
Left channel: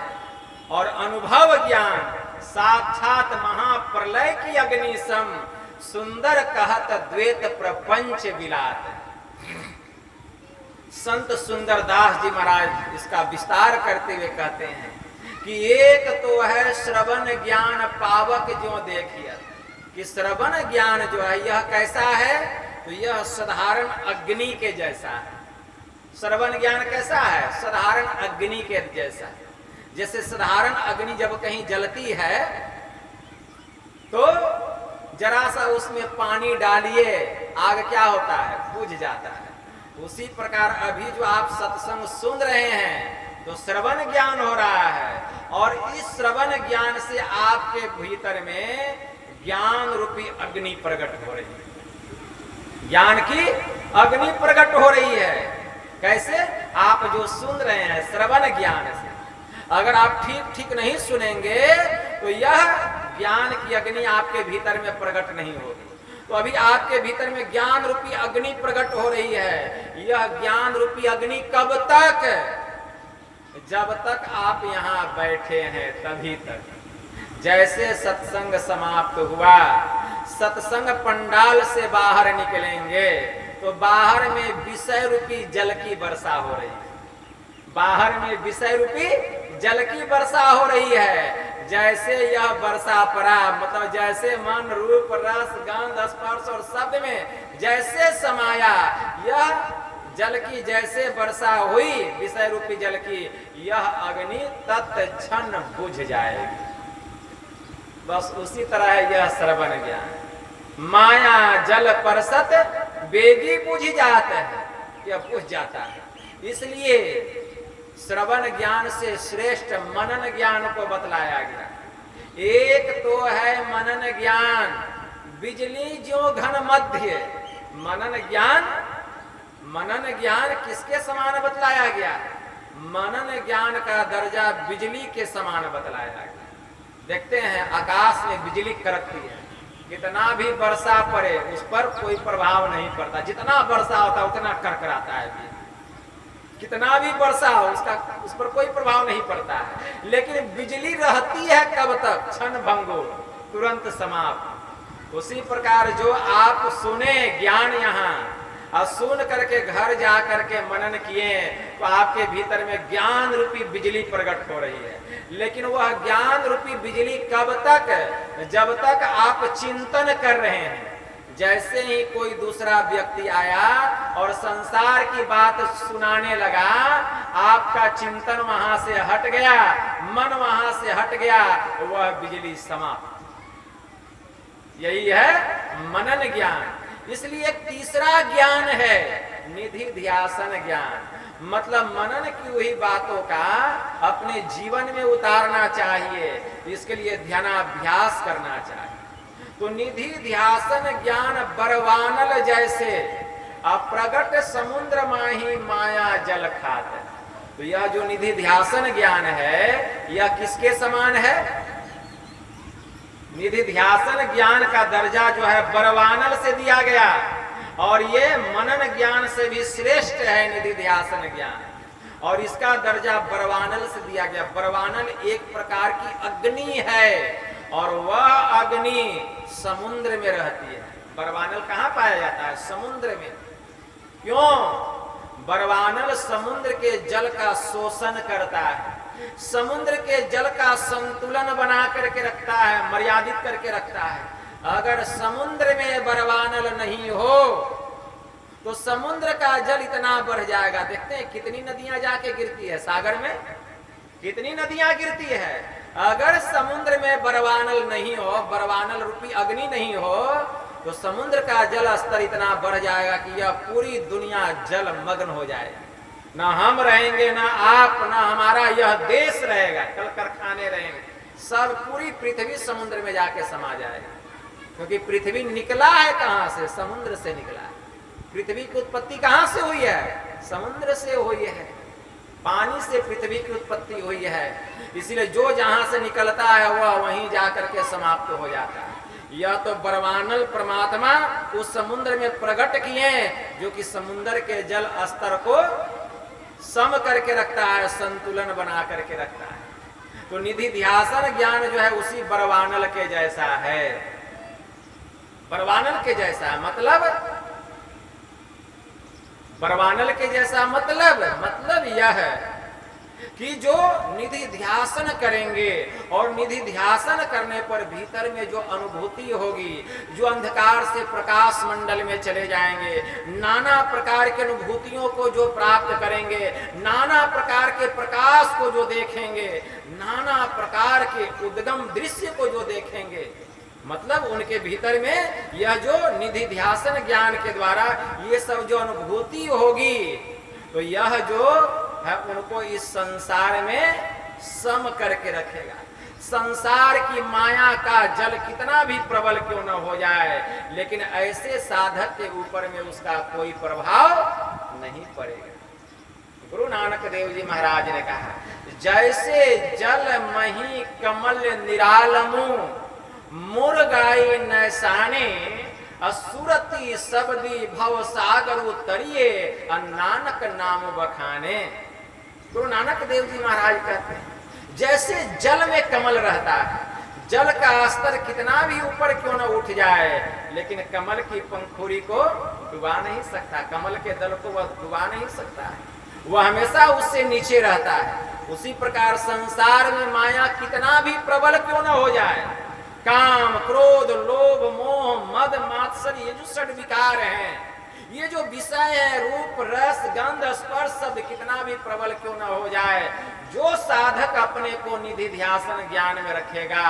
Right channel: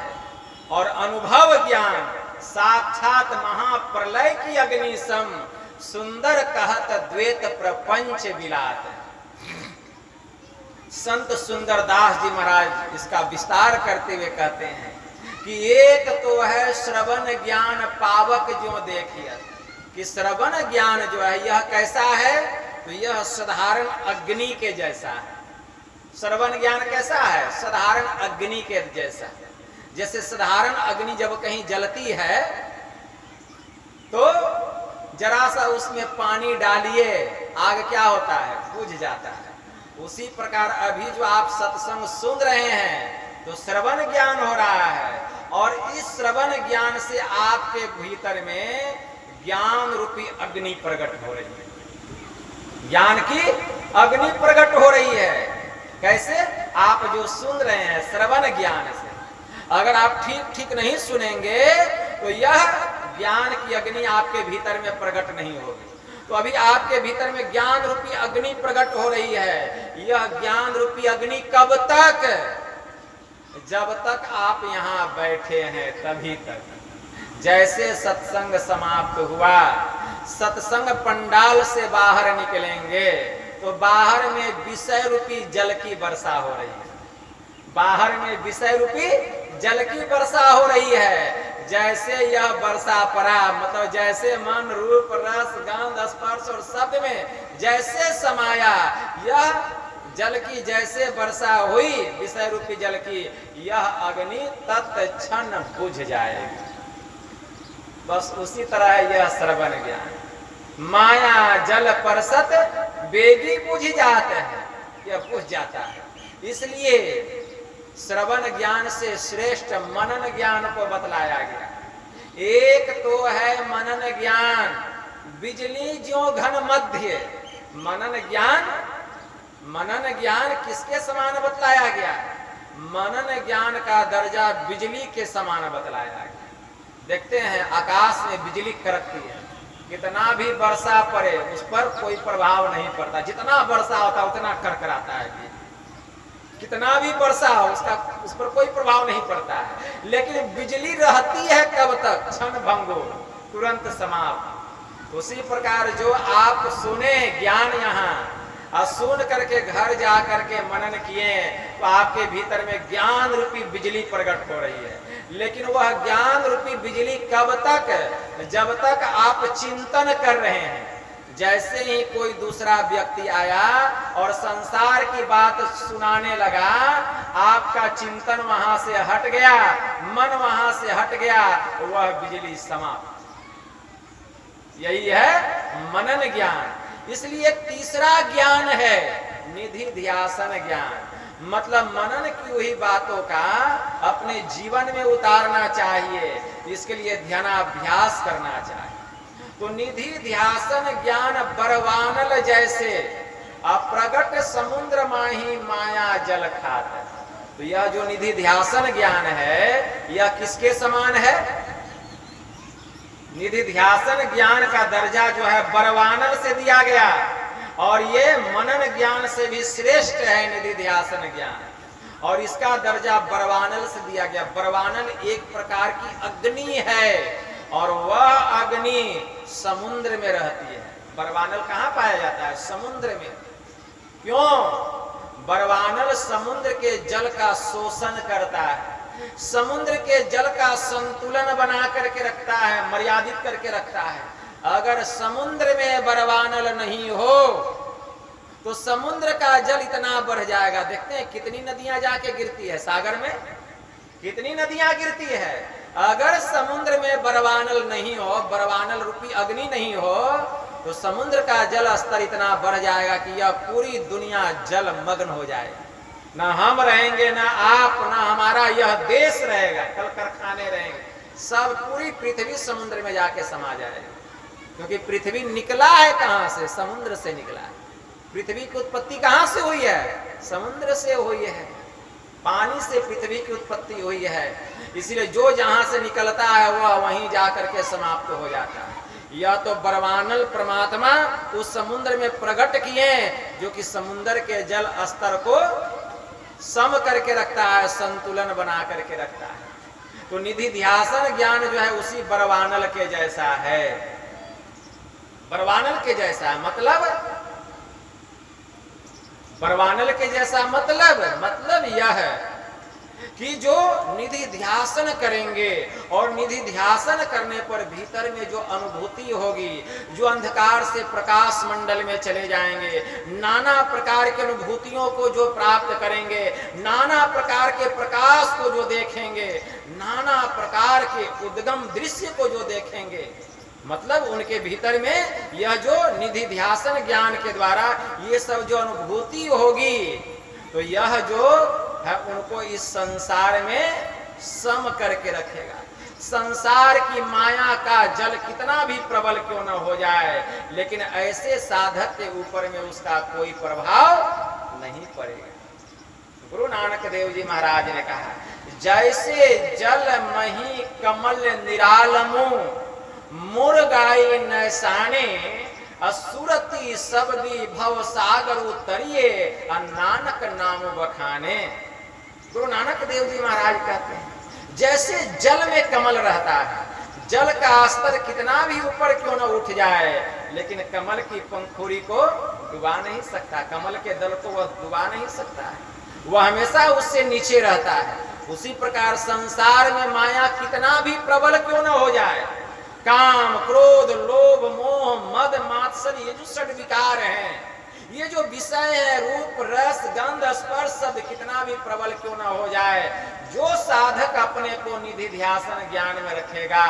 और अनुभव ज्ञान साक्षात महाप्रलय की अग्नि सम सुंदर कहत द्वैत प्रपंच विलात है। संत सुंदरदास जी महाराज इसका विस्तार करते हुए कहते हैं कि एक तो है श्रवण ज्ञान पावक जो देखिए, कि श्रवण ज्ञान जो है यह कैसा है, तो यह साधारण अग्नि के जैसा है। श्रवण ज्ञान कैसा है? साधारण अग्नि के जैसा। जैसे साधारण अग्नि जब कहीं जलती है तो जरा सा उसमें पानी डालिए, आग क्या होता है? बुझ जाता है। उसी प्रकार अभी जो आप सत्संग सुन रहे हैं तो श्रवण ज्ञान हो रहा है, और इस श्रवण ज्ञान से आपके भीतर में ज्ञान रूपी अग्नि प्रकट हो रही है। ज्ञान की अग्नि प्रकट हो रही है। कैसे? आप जो सुन रहे हैं श्रवण ज्ञान से। अगर आप ठीक ठीक नहीं सुनेंगे तो यह ज्ञान की अग्नि आपके भीतर में प्रकट नहीं होगी। तो अभी आपके भीतर में ज्ञान रूपी अग्नि प्रकट हो रही है। यह ज्ञान रूपी अग्नि कब तक? जब तक आप यहाँ बैठे हैं तभी तक। जैसे सत्संग समाप्त हुआ, सत्संग पंडाल से बाहर निकलेंगे तो बाहर में विषय रूपी जल की वर्षा हो रही है। बाहर में विषय रूपी जल की वर्षा हो रही है। जैसे यह वर्षा पड़ा, मतलब जैसे मन रूप रस गंध स्पर्श और शब्द में जैसे समाया, यह जल की जैसे वर्षा हुई विषय रूपी जल की, यह अग्नि तत्क्षण बुझ जाएगी। बस उसी तरह है यह श्रवण ज्ञान। माया जल परसत बेगी बुझ जाते हैं, यह बुझ जाता है। इसलिए श्रवण ज्ञान से श्रेष्ठ मनन ज्ञान को बतलाया गया। एक तो है मनन ज्ञान, बिजली ज्यो घन मध्य। मनन ज्ञान किसके समान बतलाया गया? मनन ज्ञान का दर्जा बिजली के समान बतलाया गया। देखते हैं आकाश में बिजली कड़कती है, कितना भी वर्षा पड़े उस पर कोई प्रभाव नहीं पड़ता। जितना वर्षा होता है उतना करकराता है। कितना भी वर्षा हो उस पर कोई प्रभाव नहीं पड़ता है। लेकिन बिजली रहती है कब तक? क्षण भंगो, तुरंत समाप्त। उसी प्रकार जो आप सुने ज्ञान यहाँ और सुन करके घर जा करके मनन किए तो आपके भीतर में ज्ञान रूपी बिजली प्रकट हो रही है। लेकिन वह ज्ञान रूपी बिजली कब तक? जब तक आप चिंतन कर रहे हैं। जैसे ही कोई दूसरा व्यक्ति आया और संसार की बात सुनाने लगा, आपका चिंतन वहां से हट गया, मन वहां से हट गया, वह बिजली समाप्त। यही है मनन ज्ञान। इसलिए एक तीसरा ज्ञान है निधि ध्यासन ज्ञान। मतलब मनन की हुई बातों का अपने जीवन में उतारना चाहिए, इसके लिए ध्यानाभ्यास करना चाहिए। तो निधि ध्यासन ज्ञान बरवानल जैसे अप्रगट समुद्र माही माया जल खात। तो यह जो निधि ध्यासन ज्ञान है यह किसके समान है? निधि ध्यासन ज्ञान का दर्जा जो है बरवानल से दिया गया, और ये मनन ज्ञान से भी श्रेष्ठ है निधि ध्यासन ज्ञान, और इसका दर्जा बरवानल से दिया गया। बरवानल एक प्रकार की अग्नि है और वह अग्नि समुद्र में रहती है। बरवानल कहाँ पाया जाता है? समुद्र में। क्यों? बरवानल समुद्र के जल का शोषण करता है, समुद्र के जल का संतुलन बना करके रखता है, मर्यादित करके रखता है। अगर समुद्र में बरवानल नहीं हो तो समुद्र का जल इतना बढ़ जाएगा। देखते हैं कितनी नदियां जाके गिरती है सागर में, कितनी नदियां गिरती है। अगर समुद्र में बरवानल नहीं हो, बरवानल रूपी अग्नि नहीं हो, तो समुद्र का जल स्तर इतना बढ़ जाएगा कि यह पूरी दुनिया जल मग्न हो जाएगी। ना हम रहेंगे, ना आप, ना हमारा यह देश रहेगा, कल कारखाने रहेंगे, सब पूरी पृथ्वी समुद्र में जाके समा जाएगी। क्योंकि पृथ्वी निकला है कहां से? समुद्र से निकला है। पृथ्वी की उत्पत्ति कहां से हुई है? समुद्र से हुई है। पानी से पृथ्वी की उत्पत्ति हुई है, इसलिए जो जहां से निकलता है वह वहीं जाकर के समाप्त हो जाता है। यह तो बरवानल परमात्मा उस समुद्र में प्रकट किए जो कि समुद्र के जल स्तर को सम करके रखता है, संतुलन बना करके रखता है। तो निधि ध्यासन ज्ञान जो है उसी बरवानल के जैसा है। बरवानल के जैसा मतलब बरवानल के जैसा मतलब यह है कि जो निधि ध्यासन करेंगे और निधि ध्यासन करने पर भीतर में जो अनुभूति होगी, जो अंधकार से प्रकाश मंडल में चले जाएंगे, नाना प्रकार की अनुभूतियों को जो प्राप्त करेंगे, नाना प्रकार के प्रकाश को जो देखेंगे, नाना प्रकार के उद्गम दृश्य को जो देखेंगे, मतलब उनके भीतर में यह जो निधि ध्यासन ज्ञान के द्वारा ये सब जो अनुभूति होगी, तो यह जो है उनको इस संसार में सम करके रखेगा। संसार की माया का जल कितना भी प्रबल क्यों न हो जाए, लेकिन ऐसे साधक के ऊपर में उसका कोई प्रभाव नहीं पड़ेगा। गुरु नानक देव जी महाराज ने कहा, जैसे जल मही कमल निरालमु मुरगाई नैसाने असुरति सबदी भव सागर उतरिए नानक नाम बखाने। गुरु नानक देव जी महाराज कहते हैं, जैसे जल में कमल रहता है, जल का स्तर कितना भी ऊपर क्यों न उठ जाए, लेकिन कमल की पंखुड़ी को डुबा नहीं सकता, कमल के दल को वह डुबा नहीं सकता है, वह हमेशा उससे नीचे रहता है। उसी प्रकार संसार में माया कितना भी प्रबल क्यों न हो जाए, काम क्रोध लोभ मोह मद मात्सर्य, ये जो षड विकार हैं, ये जो विषय है, रूप रस गंध स्पर्श शब्द कितना भी प्रबल क्यों ना हो जाए, जो साधक अपने को निधि ध्यासन ज्ञान में रखेगा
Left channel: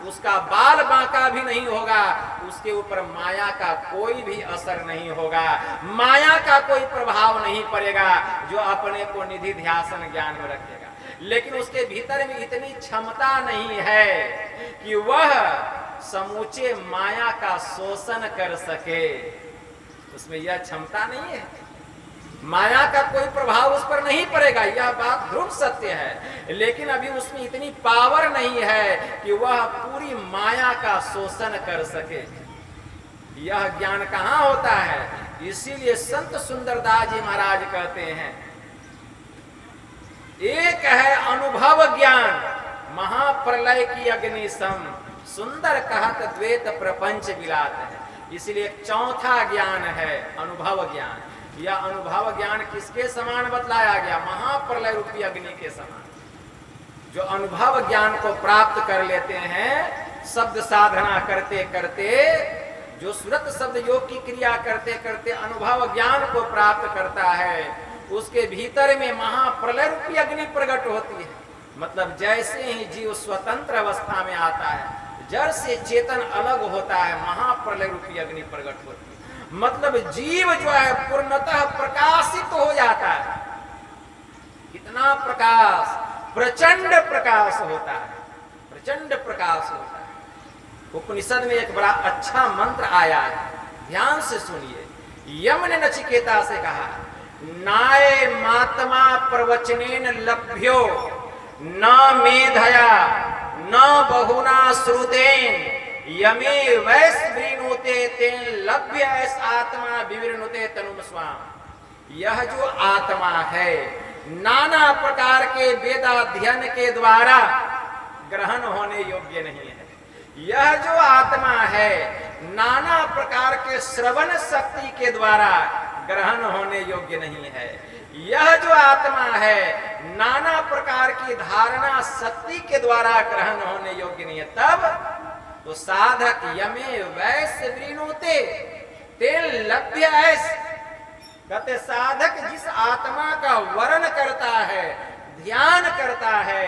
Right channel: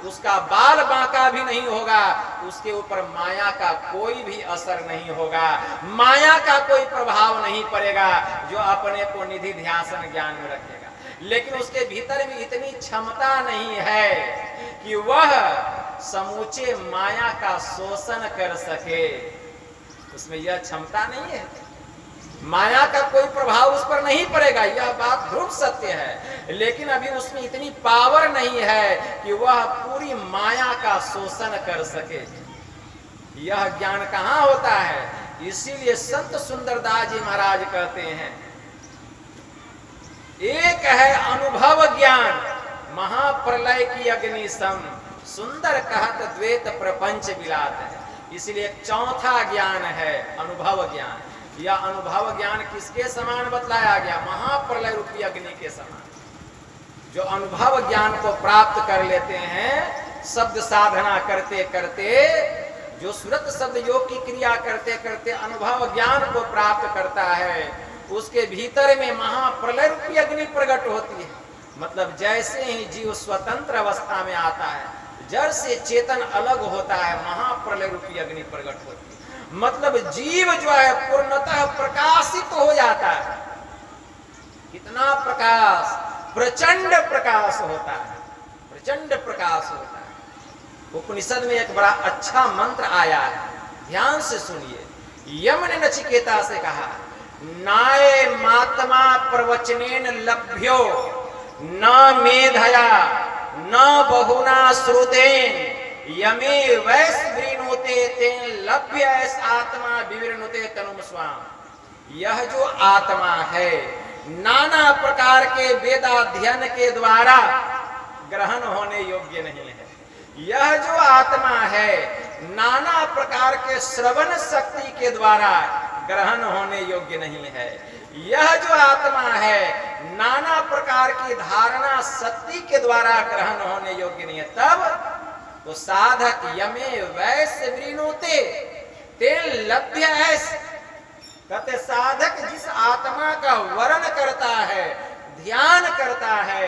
उसका बाल बांका भी नहीं होगा, उसके ऊपर माया का कोई भी असर नहीं होगा, माया का कोई प्रभाव नहीं पड़ेगा, जो अपने को निधि ध्यासन ज्ञान में रखेगा। लेकिन उसके भीतर में इतनी क्षमता नहीं है कि वह समूचे माया का शोषण कर सके, उसमें यह क्षमता नहीं है, माया का कोई प्रभाव उस पर नहीं पड़ेगा, यह बात ध्रुव सत्य है। लेकिन अभी उसमें इतनी पावर नहीं है कि वह पूरी माया का शोषण कर सके। यह ज्ञान कहाँ होता है? इसीलिए संत सुंदरदास जी महाराज कहते हैं, एक है अनुभव ज्ञान महाप्रलय की अग्नि सम, सुंदर कहत द्वैत प्रपंच विलात है। इसलिए एक चौथा ज्ञान है अनुभव ज्ञान। यह अनुभव ज्ञान किसके समान बतलाया गया? महाप्रलय रूपी अग्नि के समान। जो अनुभव ज्ञान को प्राप्त कर लेते हैं शब्द साधना करते करते, जो सुरत शब्द योग की क्रिया करते करते अनुभव ज्ञान को प्राप्त करता है, उसके भीतर में महाप्रलय रूपी अग्नि प्रकट होती है। मतलब जैसे ही जीव स्वतंत्र अवस्था में आता है, जड़ से चेतन अलग होता है, महाप्रलय रूपी अग्नि प्रकट होती है। मतलब जीव जो है पूर्णतः प्रकाशित हो जाता है। कितना प्रकाश, प्रचंड प्रकाश होता है, प्रचंड प्रकाश होता है। उपनिषद में एक बड़ा अच्छा मंत्र आया है, ध्यान से सुनिए। यम ने नचिकेता से कहा, नाय मात्मा प्रवचनेन लभ्यो न मेधया न बहुना श्रुतेन यमे वैस विनुते तेन लभ्य ऐस आत्मा विवृणुते तनुम स्वाम। यह जो आत्मा है नाना प्रकार के वेदाध्ययन के द्वारा ग्रहण होने योग्य नहीं है। यह जो आत्मा है नाना प्रकार के श्रवण शक्ति के द्वारा ग्रहण होने योग्य नहीं है। यह जो आत्मा है नाना प्रकार की धारणा शक्ति के द्वारा ग्रहण होने योग्य नहीं है। तब तो साधक यमे वैश्य वृणुते तेन लभ्य ऐस, कहते साधक जिस आत्मा का वर्ण करता है, ध्यान करता है,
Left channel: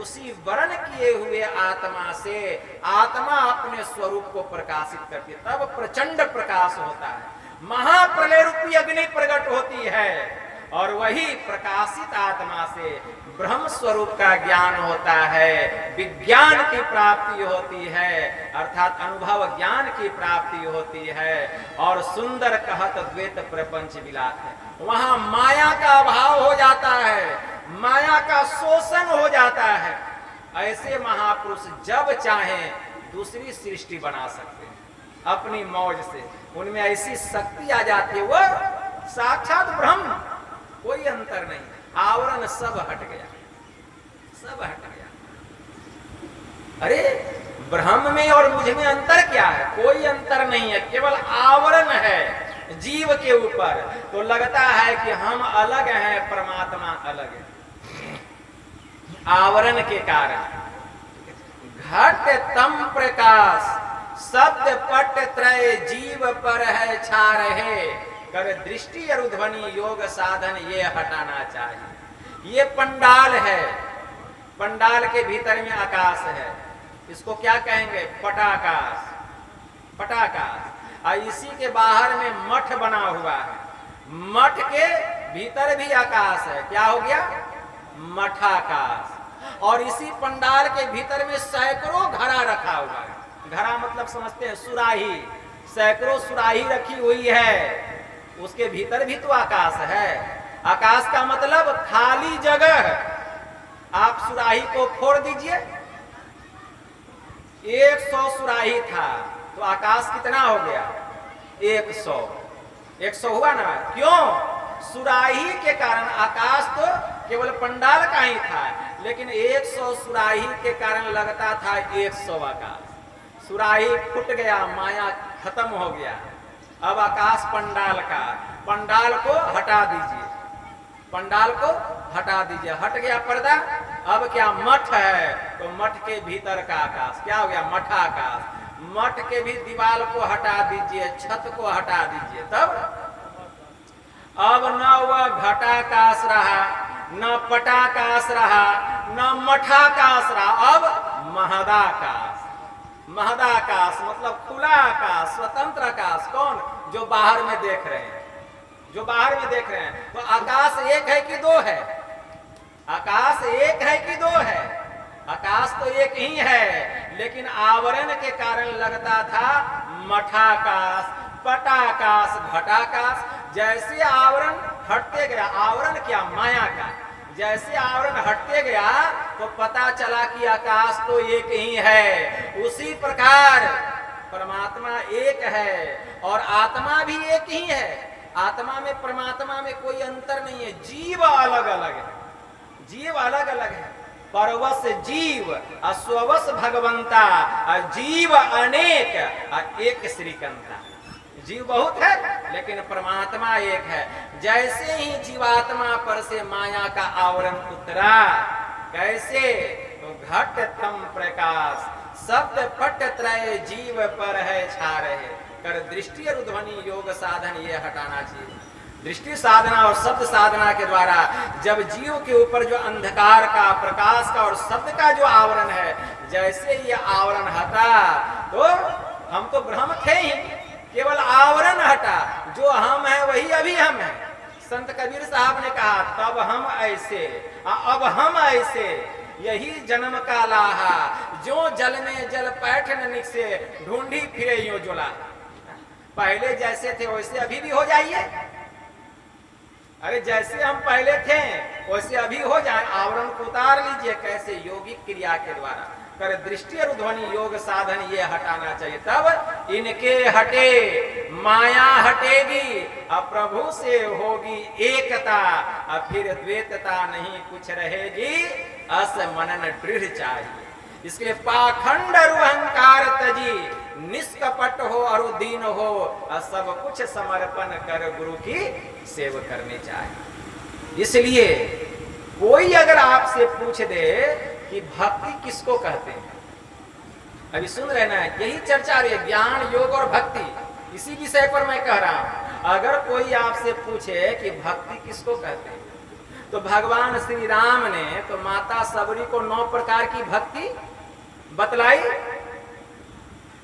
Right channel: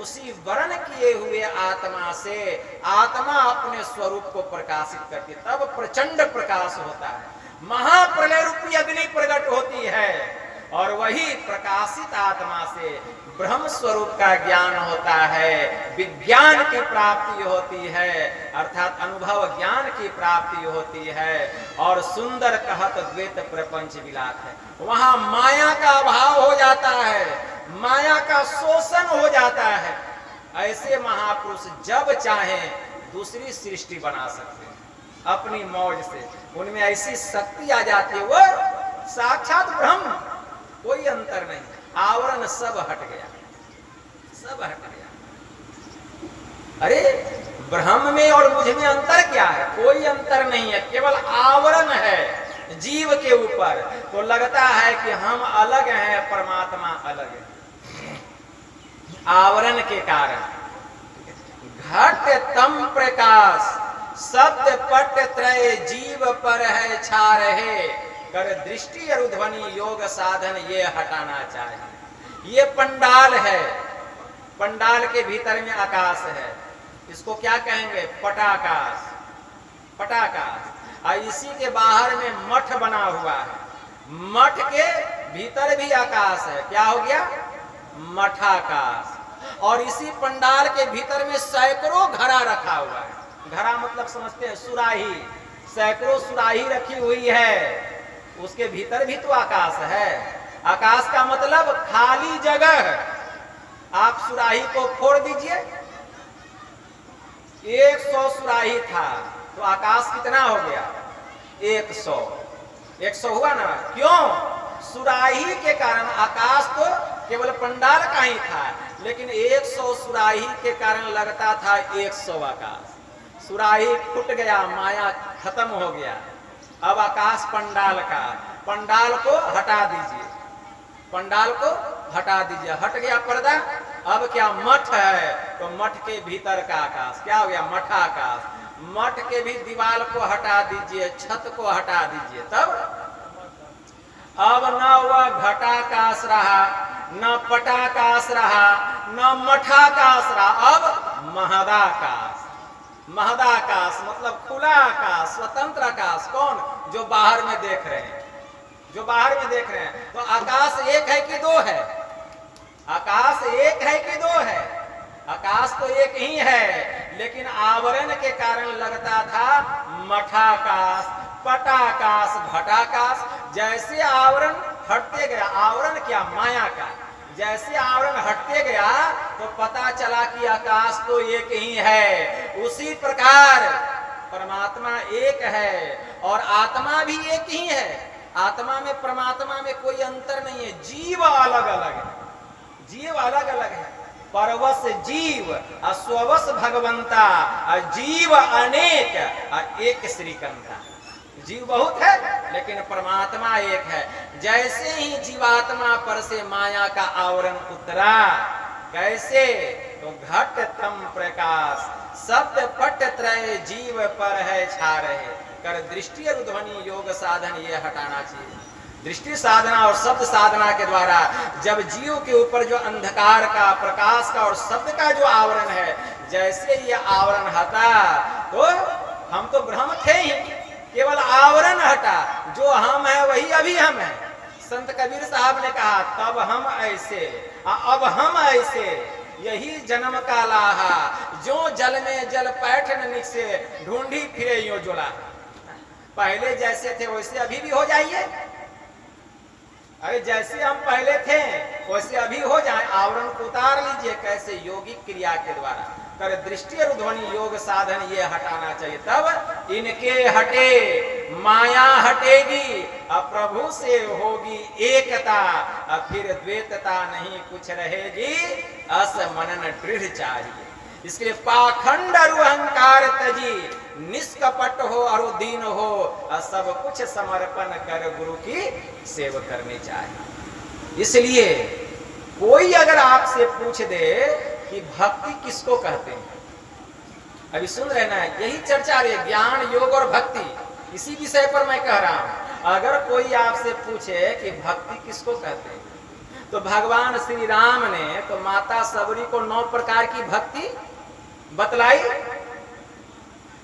उसी वर्ण किए हुए आत्मा से आत्मा अपने स्वरूप को प्रकाशित करती है। तब प्रचंड प्रकाश होता है, महाप्रलय रूपी अग्नि प्रकट होती है, और वही प्रकाशित आत्मा से ब्रह्म स्वरूप का ज्ञान होता है, विज्ञान की प्राप्ति होती है, अर्थात अनुभव ज्ञान की प्राप्ति होती है, और सुंदर कहत द्वैत प्रपंच विलास है। वहां माया का अभाव हो जाता है, माया का शोषण हो जाता है। ऐसे महापुरुष जब चाहें दूसरी सृष्टि बना सकते हैं अपनी मौज से। उनमें ऐसी शक्ति आ जाती है, वो साक्षात ब्रह्म, कोई अंतर नहीं, आवरण सब हट गया, सब हट गया। अरे ब्रह्म में और मुझ में अंतर क्या है? कोई अंतर नहीं है, केवल आवरण है जीव के ऊपर। तो लगता है कि हम अलग हैं, परमात्मा अलग है, आवरण के कारण। घट तम प्रकाश सत्य पट त्रय जीव पर है छा रहे, कर दृष्टि अरुध्वनि योग साधन ये हटाना चाहिए। ये पंडाल है, पंडाल के भीतर में आकाश है, इसको क्या कहेंगे? पटाकाश, पटाकाश। और इसी के बाहर में मठ बना हुआ है, मठ के भीतर भी आकाश है, क्या हो गया? मठाकाश। और इसी पंडाल के भीतर में सैकड़ों घड़ा रखा हुआ है। घड़ा मतलब समझते हैं सुराही, सैकड़ों सुराही रखी हुई है, उसके भीतर भी तो आकाश है। आकाश का मतलब खाली जगह। आप सुराही को फोड़ दीजिए, 100 सुराही था तो आकाश कितना हो गया? 100, 100 हुआ ना? क्यों? सुराही के कारण। आकाश तो केवल पंडाल का ही था, लेकिन 100 सुराही के कारण लगता था 100 आकाश। सुराही फूट गया, माया खत्म हो गया। अब आकाश पंडाल का, पंडाल को हटा दीजिए, पंडाल को हटा दीजिए, हट गया पर्दा। अब क्या? मठ है, तो मठ के भीतर का आकाश क्या हो गया? मठाकाश। मठ के भी दीवार को हटा दीजिए, छत को हटा दीजिए, तब अब न वह घटाकाश रहा, न पटाकाश रहा, न मठाकाश रहा, अब महदाकाश। महदाकाश मतलब खुला आकाश, स्वतंत्र आकाश। कौन? जो बाहर में देख रहे हैं, जो बाहर में देख रहे हैं। तो आकाश एक है कि दो है? आकाश एक है कि दो है? आकाश तो एक ही है, लेकिन आवरण के कारण लगता था मठाकाश, पटाकाश, घटाकाश। जैसे आवरण हटते गया, आवरण क्या? माया का। जैसे आवरण हटते गया तो पता चला कि आकाश तो एक ही है। उसी प्रकार परमात्मा एक है और आत्मा भी एक ही है। आत्मा में परमात्मा में कोई अंतर नहीं है। जीव अलग अलग है, जीव अलग अलग है। परवश जीव अस्वश भगवंता, जीव अनेक एक श्रीकंता। जीव बहुत है लेकिन परमात्मा एक है। जैसे ही जीवात्मा पर से माया का आवरण उतरा, कैसे? तो घट तम प्रकाश सत्य पट त्रय जीव पर है छा रहे, कर दृष्टि और ध्वनि योग साधन ये हटाना चाहिए। दृष्टि साधना और शब्द साधना के द्वारा जब जीव के ऊपर जो अंधकार का, प्रकाश का और शब्द का जो आवरण है, जैसे ये आवरण हटा तो हम तो ब्रह्म थे ही, केवल आवरण हटा। जो हम है वही अभी हम है। संत कबीर साहब ने कहा तब हम ऐसे, अब हम ऐसे, यही जन्म का लाहा, जो जल में जल पैठन निकसे, ढूंढी फिरे यो जोला। पहले जैसे थे वैसे अभी भी हो जाइए। अरे जैसे हम पहले थे वैसे अभी हो जाए। आवरण को उतार लीजिए। कैसे? योगिक क्रिया के द्वारा। कर दृष्टि और ध्वनि योग साधन ये हटाना चाहिए, तब इनके हटे माया हटेगी, अब प्रभु से होगी एकता, अब फिर द्वैतता नहीं कुछ रहेगी, अस मनन दृढ़ चाहिए। इसके लिए पाखंड और अहंकार तजी, निष्कपट हो और दीन हो, सब कुछ समर्पण कर गुरु की सेवा करनी चाहिए। इसलिए कोई अगर आपसे पूछ दे कि भक्ति किसको कहते हैं, अभी सुन रहे ना, यही चर्चा रही है, ज्ञान योग और भक्ति, इसी विषय पर मैं कह रहा हूं। अगर कोई आपसे पूछे कि भक्ति किसको कहते हैं, तो भगवान श्री राम ने तो माता सबरी को 9 प्रकार की भक्ति बतलाई,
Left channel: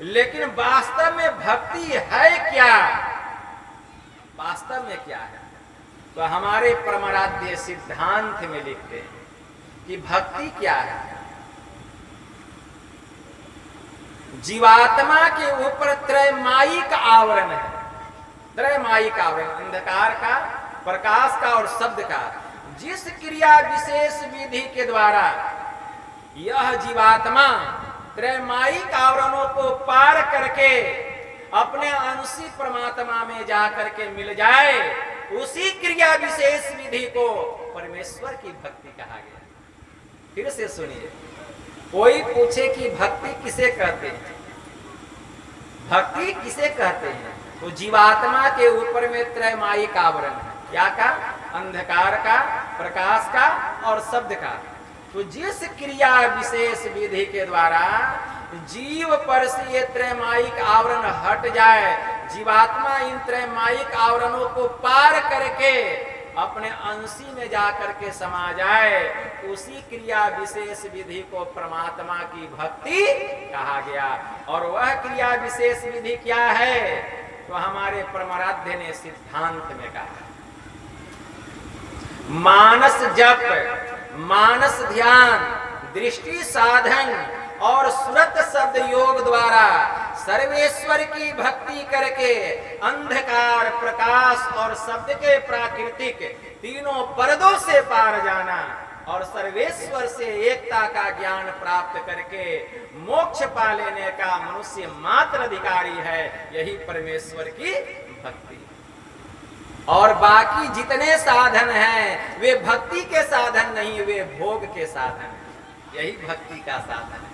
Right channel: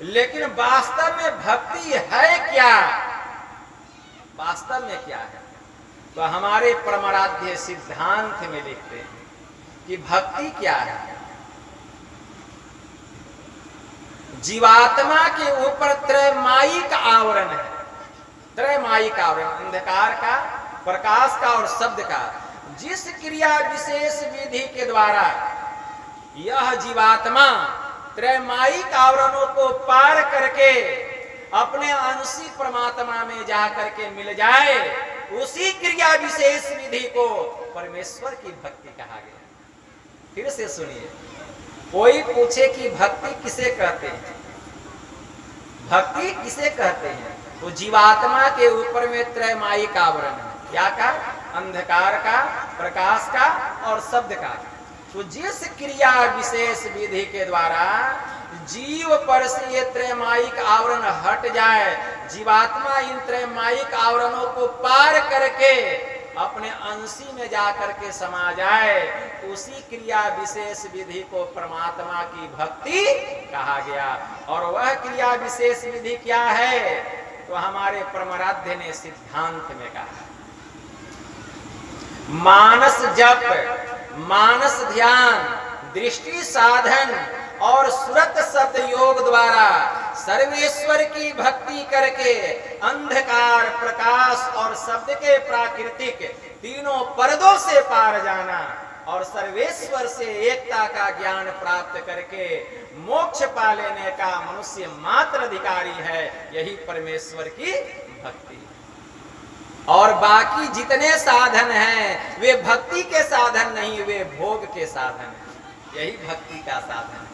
लेकिन वास्तव में भक्ति है क्या? वास्तव में क्या है? तो हमारे परमाराध्य सिद्धांत में लिखते हैं कि भक्ति क्या है। जीवात्मा के ऊपर त्रयमायिक आवरण है, त्रयमायिक आवरण, अंधकार का, प्रकाश का और शब्द का। जिस क्रिया विशेष विधि के द्वारा यह जीवात्मा त्रैमायिक आवरणों को पार करके अपने अंशी परमात्मा में जा करके मिल जाए, उसी क्रिया विशेष विधि को परमेश्वर की भक्ति कहा गया। फिर से सुनिए, कोई पूछे कि भक्ति किसे कहते हैं, भक्ति किसे कहते हैं, तो जीवात्मा के ऊपर में त्रैमायिक आवरण है। क्या का? अंधकार का, प्रकाश का और शब्द का। तो जिस क्रिया विशेष विधि के द्वारा जीव पर से ये त्रैमायिक आवरण हट जाए, जीवात्मा इन त्रैमायिक आवरणों को पार करके अपने अंशी में जाकर के समा जाए, उसी क्रिया विशेष विधि को परमात्मा की भक्ति कहा गया। और वह क्रिया विशेष विधि क्या है? तो हमारे परमाराध्य ने सिद्धांत में कहा है, मानस जप, मानस ध्यान, दृष्टि साधन और सुरत शब्द योग द्वारा सर्वेश्वर की भक्ति करके अंधकार, प्रकाश और शब्द के प्राकृतिक तीनों पर्दों से पार जाना और सर्वेश्वर से एकता का ज्ञान प्राप्त करके मोक्ष पा लेने का मनुष्य मात्र अधिकारी है। यही परमेश्वर की भक्ति। और बाकी जितने साधन हैं वे भक्ति के साधन नहीं, वे भोग के साधन हैं। यही भक्ति का साधन है।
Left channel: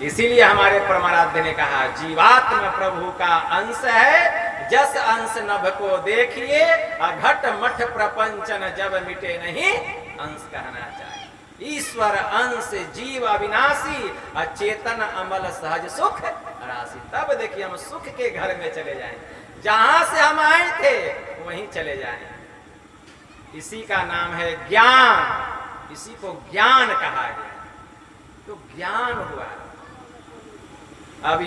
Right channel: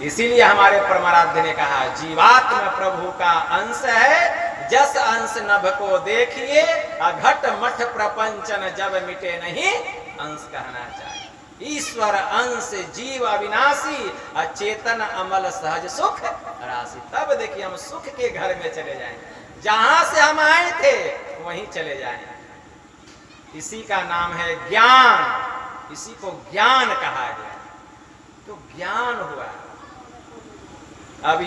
इसीलिए हमारे परमाराध्य ने कहा, जीवात्मा प्रभु का अंश है, जस अंश नभ को देखिए, अघट मठ प्रपंचन जब मिटे नहीं अंश कहना चाहिए। ईश्वर अंश जीव अविनाशी, अचेतन अमल सहज सुख राशि। तब देखिए हम सुख के घर में चले जाएंगे, जहां से हम आए थे वहीं चले जाएं। इसी का नाम है ज्ञान, इसी को ज्ञान कहा गया। तो ज्ञान हुआ। अब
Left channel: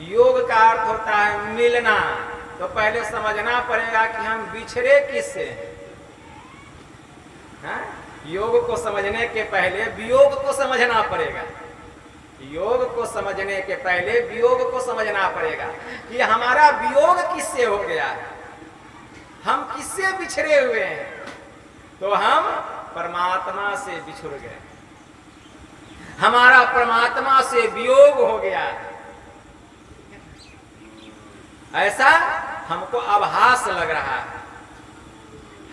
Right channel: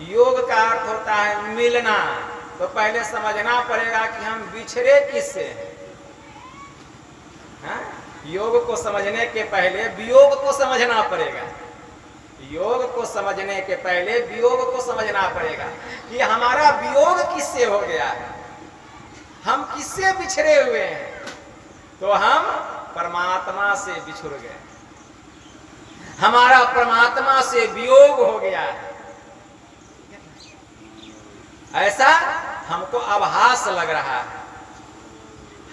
योग का अर्थ होता है मिलना। तो पहले समझना पड़ेगा कि हम बिछड़े किससे हैं। योग को समझने के पहले वियोग को समझना पड़ेगा। योग को समझने के पहले वियोग को समझना पड़ेगा कि हमारा वियोग किससे हो गया है, हम किससे बिछड़े हुए हैं। तो हम परमात्मा से बिछुड़ गए, हमारा परमात्मा से वियोग हो गया। ऐसा हमको आभास लग रहा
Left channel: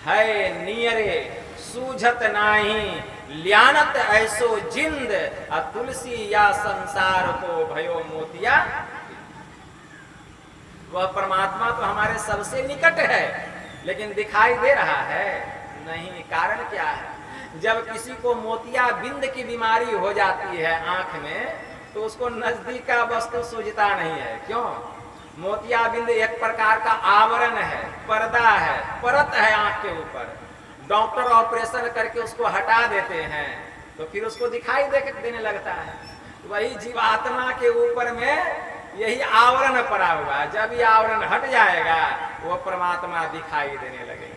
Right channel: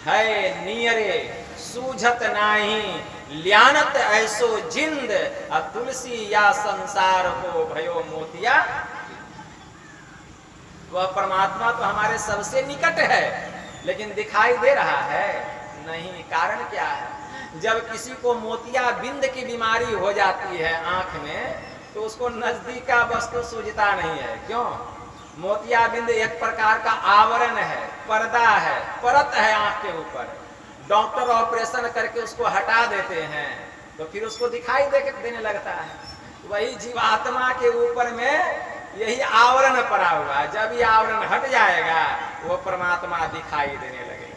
है नियरे सूझत नाही, ल्यानत ऐसो जिंद, तुलसी या संसार को भयो मोतिया। वह परमात्मा तो हमारे सबसे निकट है, लेकिन दिखाई दे रहा है नहीं। कारण क्या है? जब किसी को मोतिया बिंद की बीमारी हो जाती है आंख में, तो उसको नजदीक का वस्तु सूझता नहीं है। क्यों? मोतिया बिंद एक प्रकार का आवरण है, पर्दा है, परत है आंख के ऊपर। डॉक्टर ऑपरेशन करके उसको हटा देते हैं तो फिर उसको दिखाई देने लगता है। वही जीवात्मा के ऊपर में यही आवरण पड़ा हुआ है। जब ये आवरण हट जाएगा वो परमात्मा दिखाई देने लगेगा।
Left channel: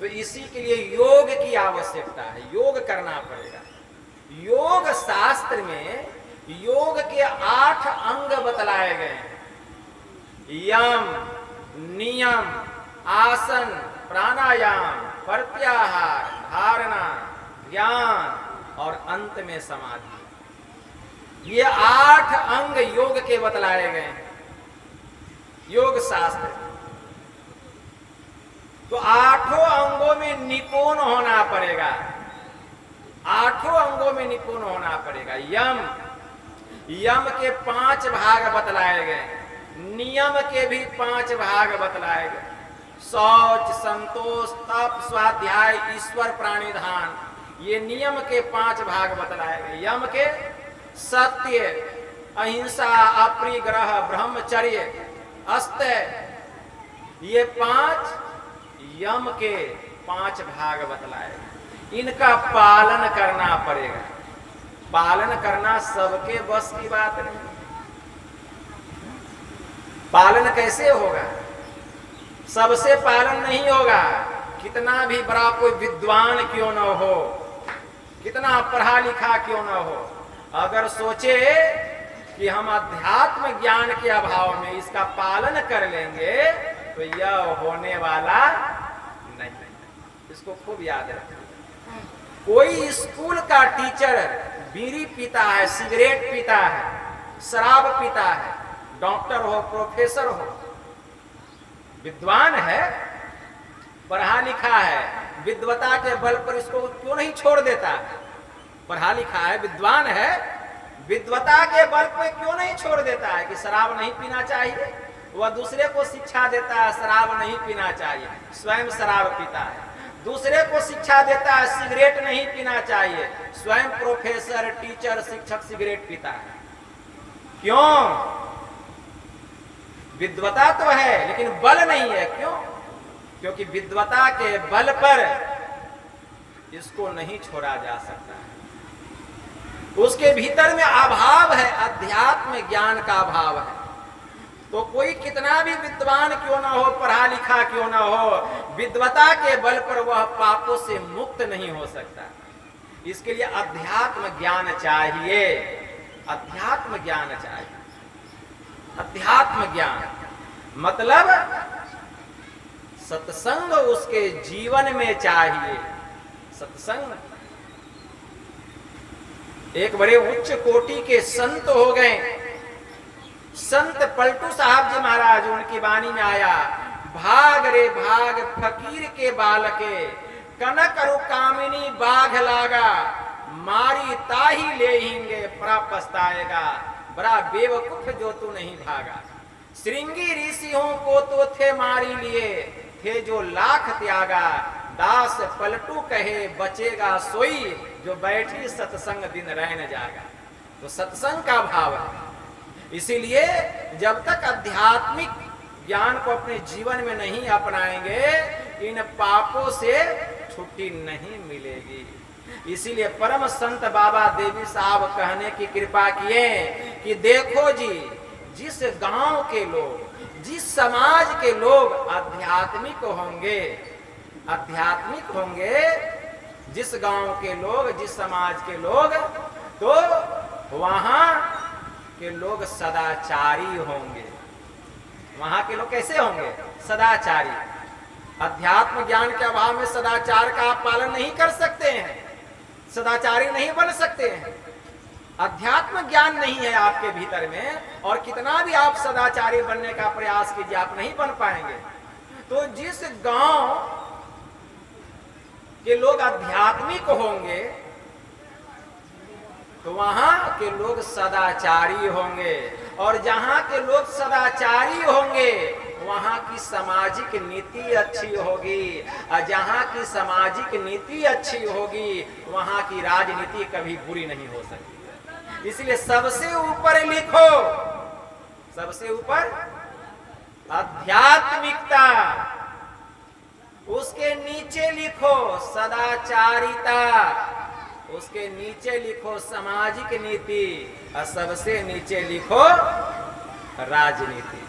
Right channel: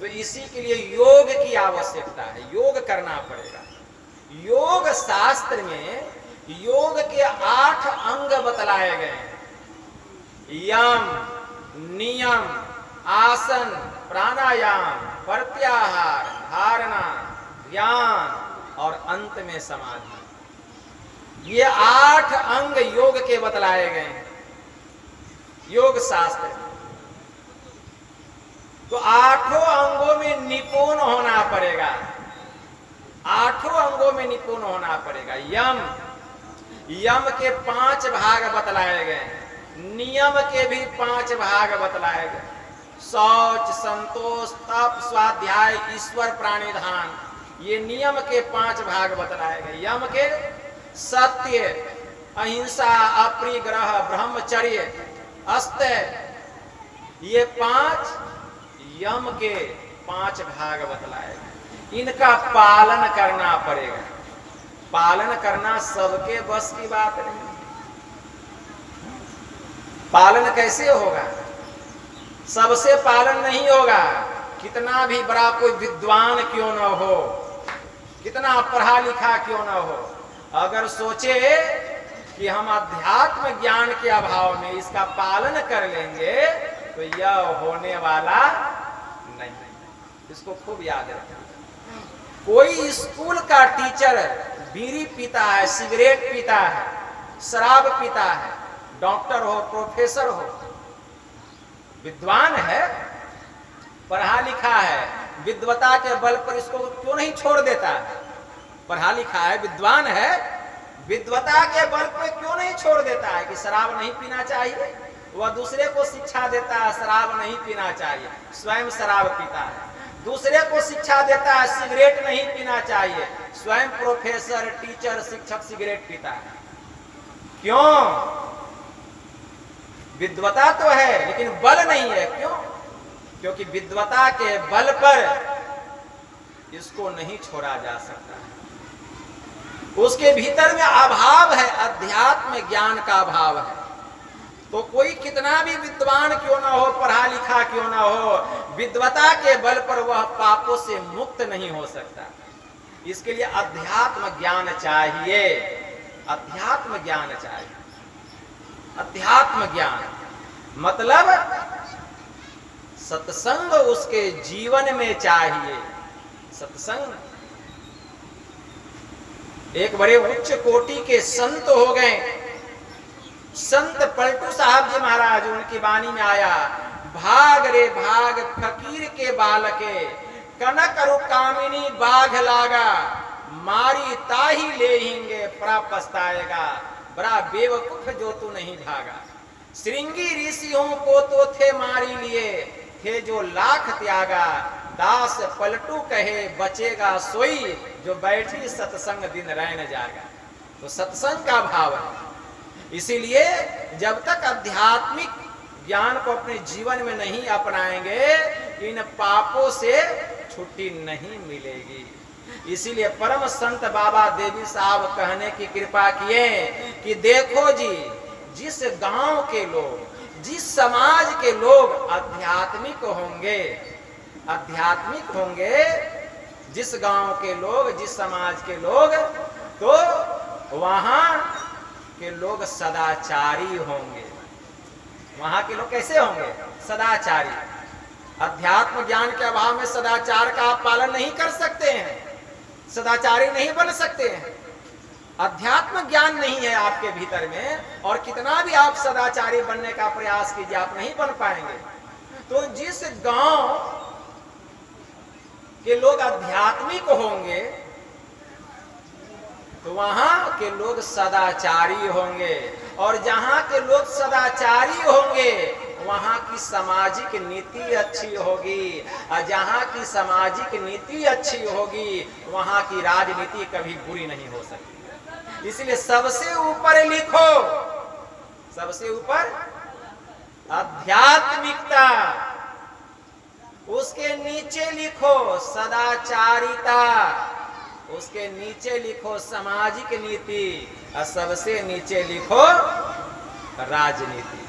तो इसी के लिए योग की आवश्यकता है, योग करना पड़ेगा। योग शास्त्र में योग के 8 अंग बतलाए गए हैं। यम, नियम, आसन, प्राणायाम, प्रत्याहार, धारणा, ध्यान और अंत में समाधि। ये 8 अंग योग के बतलाए गए हैं योग शास्त्र में। तो 8 अंगों में निपुण होना पड़ेगा, 8 अंगों में निपुण होना पड़ेगा। यम के 5 भाग बतलाए गए, नियम के भी 5 भाग बतलाए गए। शौच, संतोष, तप, स्वाध्याय, ईश्वर प्राणिधान, ये नियम के 5 भाग बतलाए गए। यम के सत्य, अहिंसा, अपरिग्रह, ब्रह्मचर्य, अस्त्य, ये 5 यम के 5 भाग बतलाए गए। इनका पालन करना पड़ेगा। पालन करना सबके बस की बात नहीं। पालन कैसे होगा? सबसे पालन नहीं होगा। कितना भी बड़ा कोई विद्वान क्यों न हो, कितना पढ़ा लिखा क्यों न हो, अगर सोचे कि हम अध्यात्म ज्ञान के अभाव में इसका पालन कर लेंगे तो यह होने वाला नहीं। इसको खूब याद रखिए। कोई स्कूल का टीचर बीड़ी पीता है, सिगरेट पीता है, शराब पीता है, डॉक्टर हो, प्रोफेसर हो, विद्वान है, पढ़ा लिखा है, विद्वता के बल पर इसको क्यों नहीं छोड़ देता है? पढ़ा लिखा है, विद्वान है, विद्वता के बल पर क्यों नहीं छोड़ देता है कि शराब नहीं पीना चाहिए? वह दूसरे को शिक्षा देता है शराब नहीं पीना चाहिए, स्वयं शराब पीता है। दूसरे को शिक्षा देता है सिगरेट नहीं पीना चाहिए, स्वयं प्रोफेसर, टीचर, शिक्षक सिगरेट पीता है। क्यों? विद्वता तो है लेकिन बल नहीं है। क्यों? क्योंकि विद्वता के बल पर इसको नहीं छोड़ा जा सकता है। उसके भीतर में अभाव है, अध्यात्म ज्ञान का अभाव है। तो कोई कितना भी विद्वान क्यों ना हो, पढ़ा लिखा क्यों ना हो, विद्वता के बल पर वह पापों से मुक्त नहीं हो सकता। इसके लिए अध्यात्म ज्ञान चाहिए, अध्यात्म ज्ञान चाहिए। अध्यात्म ज्ञान मतलब सत्संग उसके जीवन में चाहिए। सत्संग, एक बड़े उच्च कोटि के संत हो गए, संत पलटू साहब जी महाराज, उनकी वाणी में आया, भाग रे भाग फकीर के बालके, कनक अरु कामिनी बाघ लागा, मारी ताही लेहिंगे परा पछताएगा, बड़ा बेवकूफ जो तू नहीं भागा। श्रृंगी ऋषियों को तो थे मारी लिए, थे जो लाख त्यागा, दास पलटू कहे बचेगा सोई, जो बैठी सत्संग दिन रहन जाएगा। तो सत्संग का भाव है। इसीलिए जब तक आध्यात्मिक ज्ञान को अपने जीवन में नहीं अपनाएंगे, इन पापों से छुट्टी नहीं मिलेगी। इसीलिए परम संत बाबा देवी साहब कहने की कृपा किए कि देखो जी, जिस गांव के लोग, जिस समाज के लोग आध्यात्मिक होंगे, आध्यात्मिक होंगे, जिस गांव के लोग, जिस समाज के लोग, तो वहां के लोग सदाचारी होंगे। वहां के लोग कैसे होंगे? सदाचारी। अध्यात्म ज्ञान के अभाव में सदाचार का आप पालन नहीं कर सकते हैं, सदाचारी नहीं बन सकते हैं। अध्यात्म ज्ञान नहीं है आपके भीतर में, और कितना भी आप सदाचारी बनने का प्रयास कीजिए, आप नहीं बन पाएंगे। तो जिस गांव के लोग आध्यात्मिक होंगे, तो वहां के लोग सदाचारी होंगे, और जहां के लोग सदाचारी होंगे वहां की सामाजिक नीति अच्छी होगी, और जहां की सामाजिक नीति अच्छी होगी वहां की राजनीति कभी बुरी नहीं हो सकती। इसलिए सबसे ऊपर लिखो, सबसे ऊपर आध्यात्मिकता, उसके नीचे लिखो सदाचारिता, उसके नीचे लिखो सामाजिक नीति, और सबसे नीचे लिखो राजनीति।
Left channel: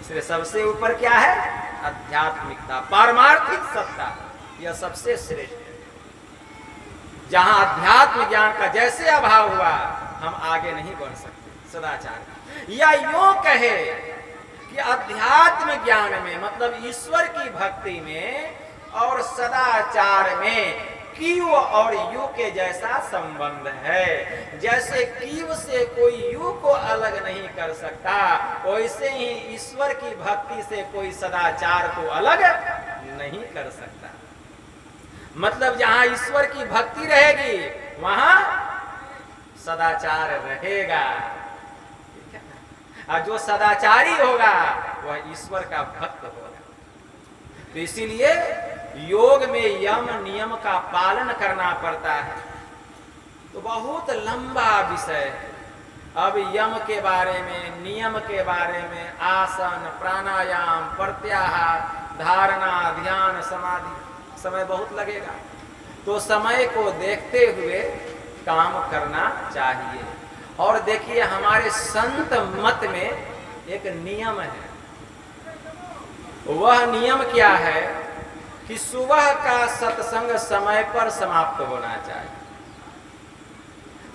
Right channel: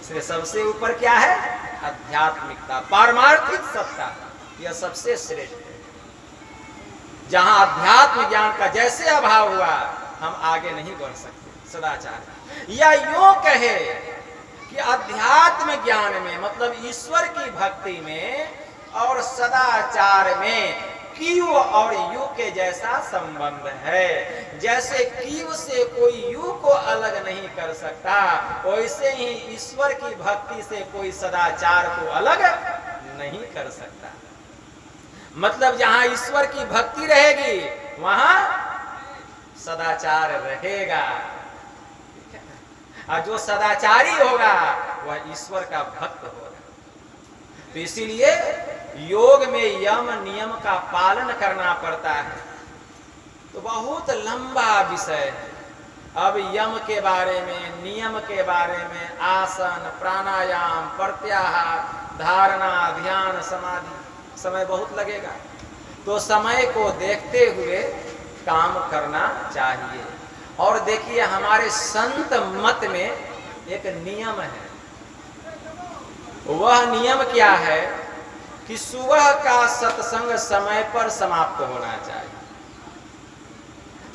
इसलिए सबसे ऊपर क्या है? आध्यात्मिकता, पारमार्थिक सत्ता, यह सबसे श्रेष्ठ है। जहां अध्यात्म ज्ञान का जैसे अभाव हुआ, हम आगे नहीं बढ़ सकते। सदाचार, या यूं कहे कि अध्यात्म ज्ञान में मतलब ईश्वर की भक्ति में और सदाचार में कीव और यू के जैसा संबंध है। जैसे कीव से कोई यू को अलग नहीं कर सकता, वैसे ही ईश्वर की भक्ति से कोई सदाचार को अलग नहीं कर सकता। मतलब जहां ईश्वर की भक्ति रहेगी वहां सदाचार रहेगा, और जो सदाचारी होगा वह ईश्वर का भक्त होगा। तो इसीलिए योग में यम नियम का पालन करना पड़ता है। तो बहुत लंबा विषय है। अब यम के बारे में, नियम के बारे में, आसन, प्राणायाम, प्रत्याहार, धारणा, ध्यान, समाधि, समय बहुत लगेगा। तो समय को देखते हुए काम करना चाहिए। और देखिए हमारे संत मत में एक नियम है। वह नियम क्या है कि सुबह का सत्संग समय पर समाप्त होना चाहिए,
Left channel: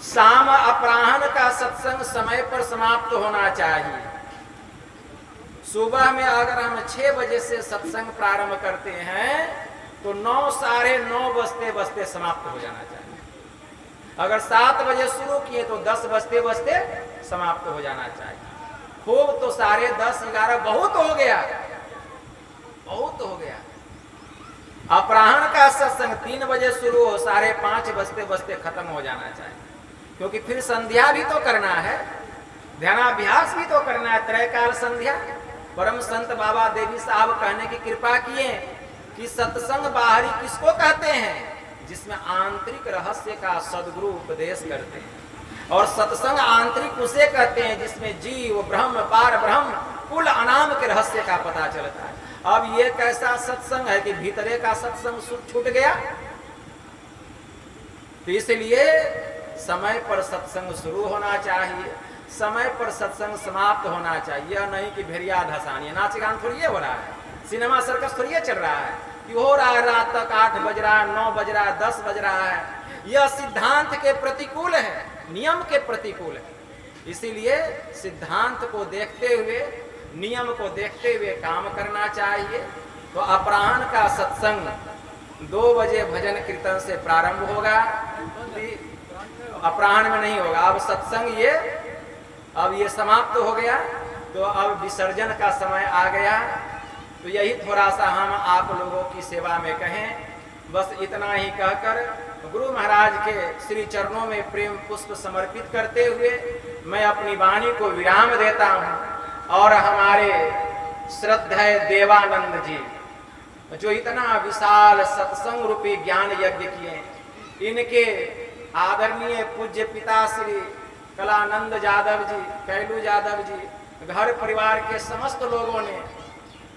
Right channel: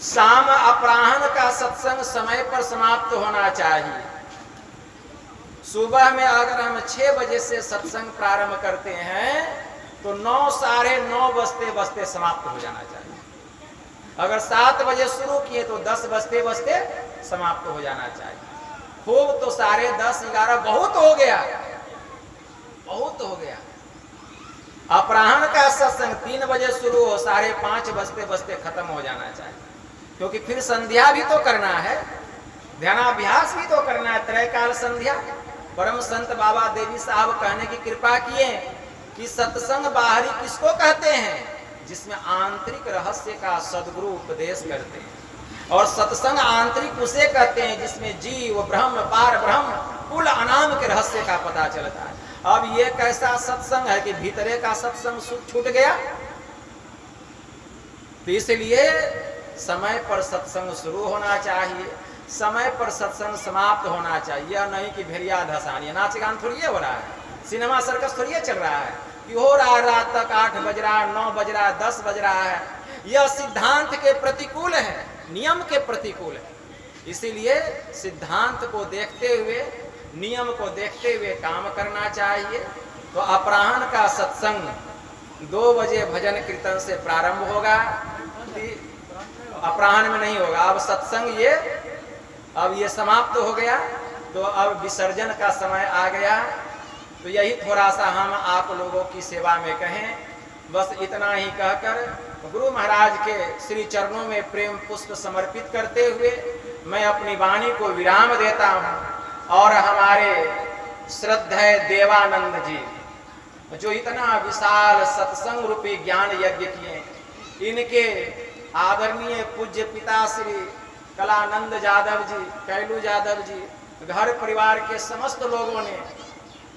शाम अपराह्न का सत्संग समय पर समाप्त होना चाहिए। सुबह में अगर हम 6 बजे से सत्संग प्रारंभ करते हैं तो 9 साढ़े 9 बजते बजते समाप्त हो जाना चाहिए। अगर 7 बजे शुरू किए तो 10 बजते बजते समाप्त हो जाना चाहिए। खूब तो 10:30 11 बहुत हो गया, बहुत हो गया। अपराह्न का सत्संग 3 बजे शुरू हो 5:30 बजते बजते खत्म हो जाना चाहिए, क्योंकि फिर संध्या भी तो करना है, ध्यानाभ्यास भी तो करना है, त्रैकाल संध्या। परम संत बाबा देवी साहब कहने की कृपा किए कि सत्संग बाहरी किसको कहते हैं? जिसमें आंतरिक रहस्य का सद्गुरु उपदेश करते हैं। और सत्संग आंतरिक उसे कहते हैं जिसमें जीव ब्रह्म पार ब्रह्म कुल अनाम के रहस्य का पता चलता है। अब ये कैसा सत्संग है कि भीतरे का सत्संग छूट गया। तो इसलिए समय पर सत्संग शुरू होना चाहिए, समय पर सत्संग समाप्त होना चाहिए। यह नहीं कि भेड़िया धसानी, नाच गान थोड़ी हो रहा है, सिनेमा सर्कस थोड़ी चल रहा है कि हो रहा है रात तक 8 बज रहा है, 9 बज रहा है, 10 बज रहा है। यह सिद्धांत के प्रतिकूल है, नियम के प्रतिकूल है। इसीलिए सिद्धांत को देखते हुए, नियम को देखते हुए काम करना चाहिए। तो अपराह्न का सत्संग 2 बजे भजन कीर्तन से प्रारंभ होगा, अपराह्न में नहीं होगा। अब सत्संग अब ये समाप्त हो गया, तो अब विसर्जन का समय आ गया। तो यही थोड़ा सा हम आप लोगों की सेवा में कहें। बस इतना ही कहकर गुरु महाराज के श्री चरणों में प्रेम पुष्प समर्पित करते हुए मैं अपनी वाणी को विराम देता हूँ। और हमारे श्रद्धेय देवानंद जी जो इतना विशाल सत्संग रूपी ज्ञान यज्ञ किए, इनके आदरणीय पूज्य पिता श्री कलानंद यादव जी, कैलू यादव जी, घर परिवार के समस्त लोगों ने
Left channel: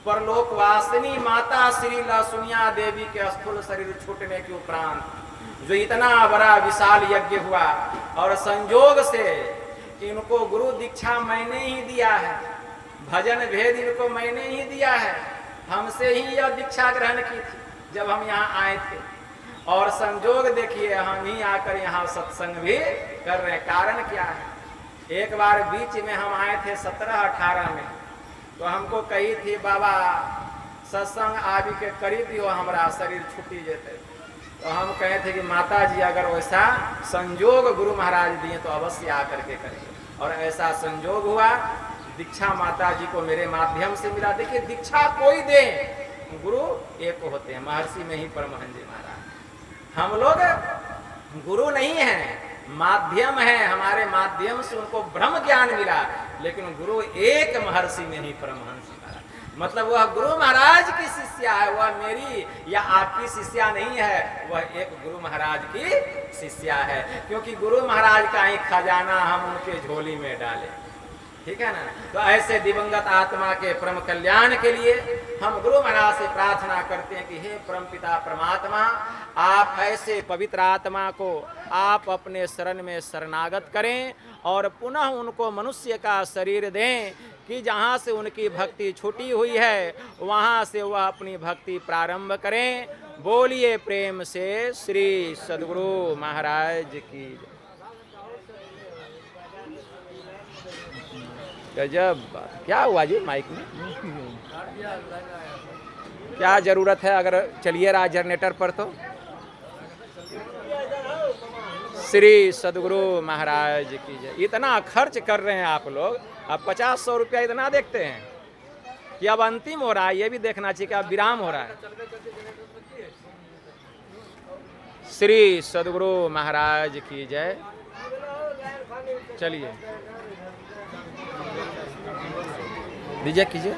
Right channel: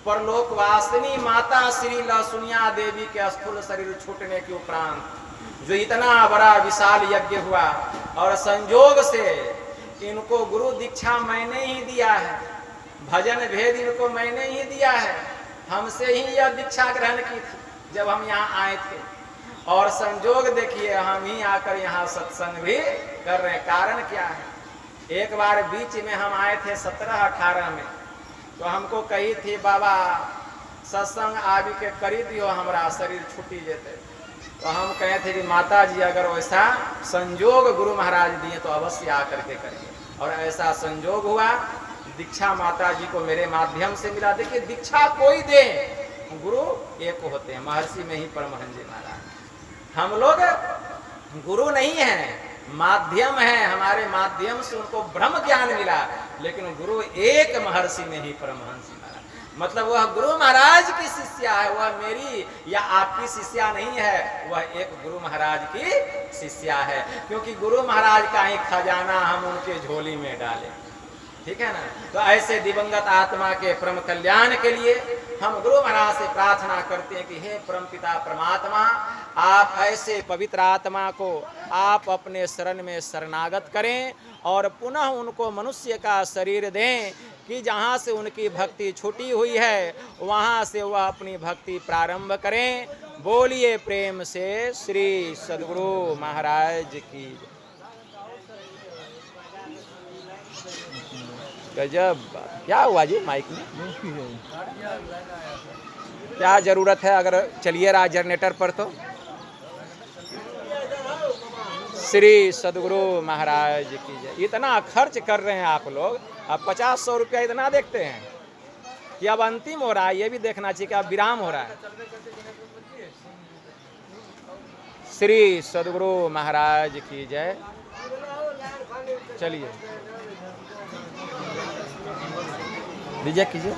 परलोकवासिनी माता श्री लसुनिया देवी के स्थूल शरीर छूटने के उपरांत जो इतना बड़ा विशाल यज्ञ हुआ, और संजोग से इनको गुरु दीक्षा मैंने ही दिया है, भजन भेद इनको मैंने ही दिया है। हमसे ही यह दीक्षा ग्रहण की थी जब हम यहाँ आए थे। और संजोग देखिए हम ही आकर यहाँ सत्संग भी कर रहे हैं। कारण क्या है? एक बार बीच में हम आए थे 17-18 में, तो हमको कही थी बाबा सत्संग आदि के करी दियो, हमारा शरीर छुट्टी जेते। तो हम कहे थे कि माता जी अगर वैसा संजोग गुरु महाराज दिए तो अवश्य आकर के करेंगे। और ऐसा संजोग हुआ, दीक्षा माता जी को मेरे माध्यम से मिला। देखिए दीक्षा कोई दे, गुरु एक होते हैं, महर्षि में ही परमहंस जी महाराज। हम लोग गुरु नहीं हैं, माध्यम है, हमारे माध्यम से उनको ब्रह्म ज्ञान मिला, लेकिन गुरु एक महर्षि में ही परमहंस महाराज। मतलब वह गुरु महाराज की शिष्या है, वह मेरी या आपकी शिष्या नहीं है, वह एक गुरु महाराज की शिष्या है। क्योंकि गुरु महाराज का ही खजाना हम उनके झोली में डाले, ठीक है ना। तो ऐसे दिवंगत आत्मा के परम कल्याण के लिए हम गुरु महाराज से प्रार्थना करते हैं कि हे परमपिता परमात्मा, आप ऐसे पवित्र आत्मा को आप अपने शरण में शरणागत करें और पुनः उनको मनुष्य का शरीर दें कि जहाँ से उनकी भक्ति छूटी हुई है वहाँ से वह अपनी भक्ति प्रारंभ करें। बोलिए प्रेम से श्री सद्गुरु महाराज की। गजब बात। क्या हुआ जी माइक में? क्या जरूरत है अगर चलिए रहा जनरेटर पर? तो श्री सद्गुरु महाराज की जय। इतना खर्च कर रहे हैं आप लोग, अब 50-100 रुपया इतना देखते हैं कि अब अंतिम हो रहा है, ये भी देखना चाहिए कि अब विराम हो रहा है। श्री सद्गुरु महाराज की जय। चलिए विजय कीजिए।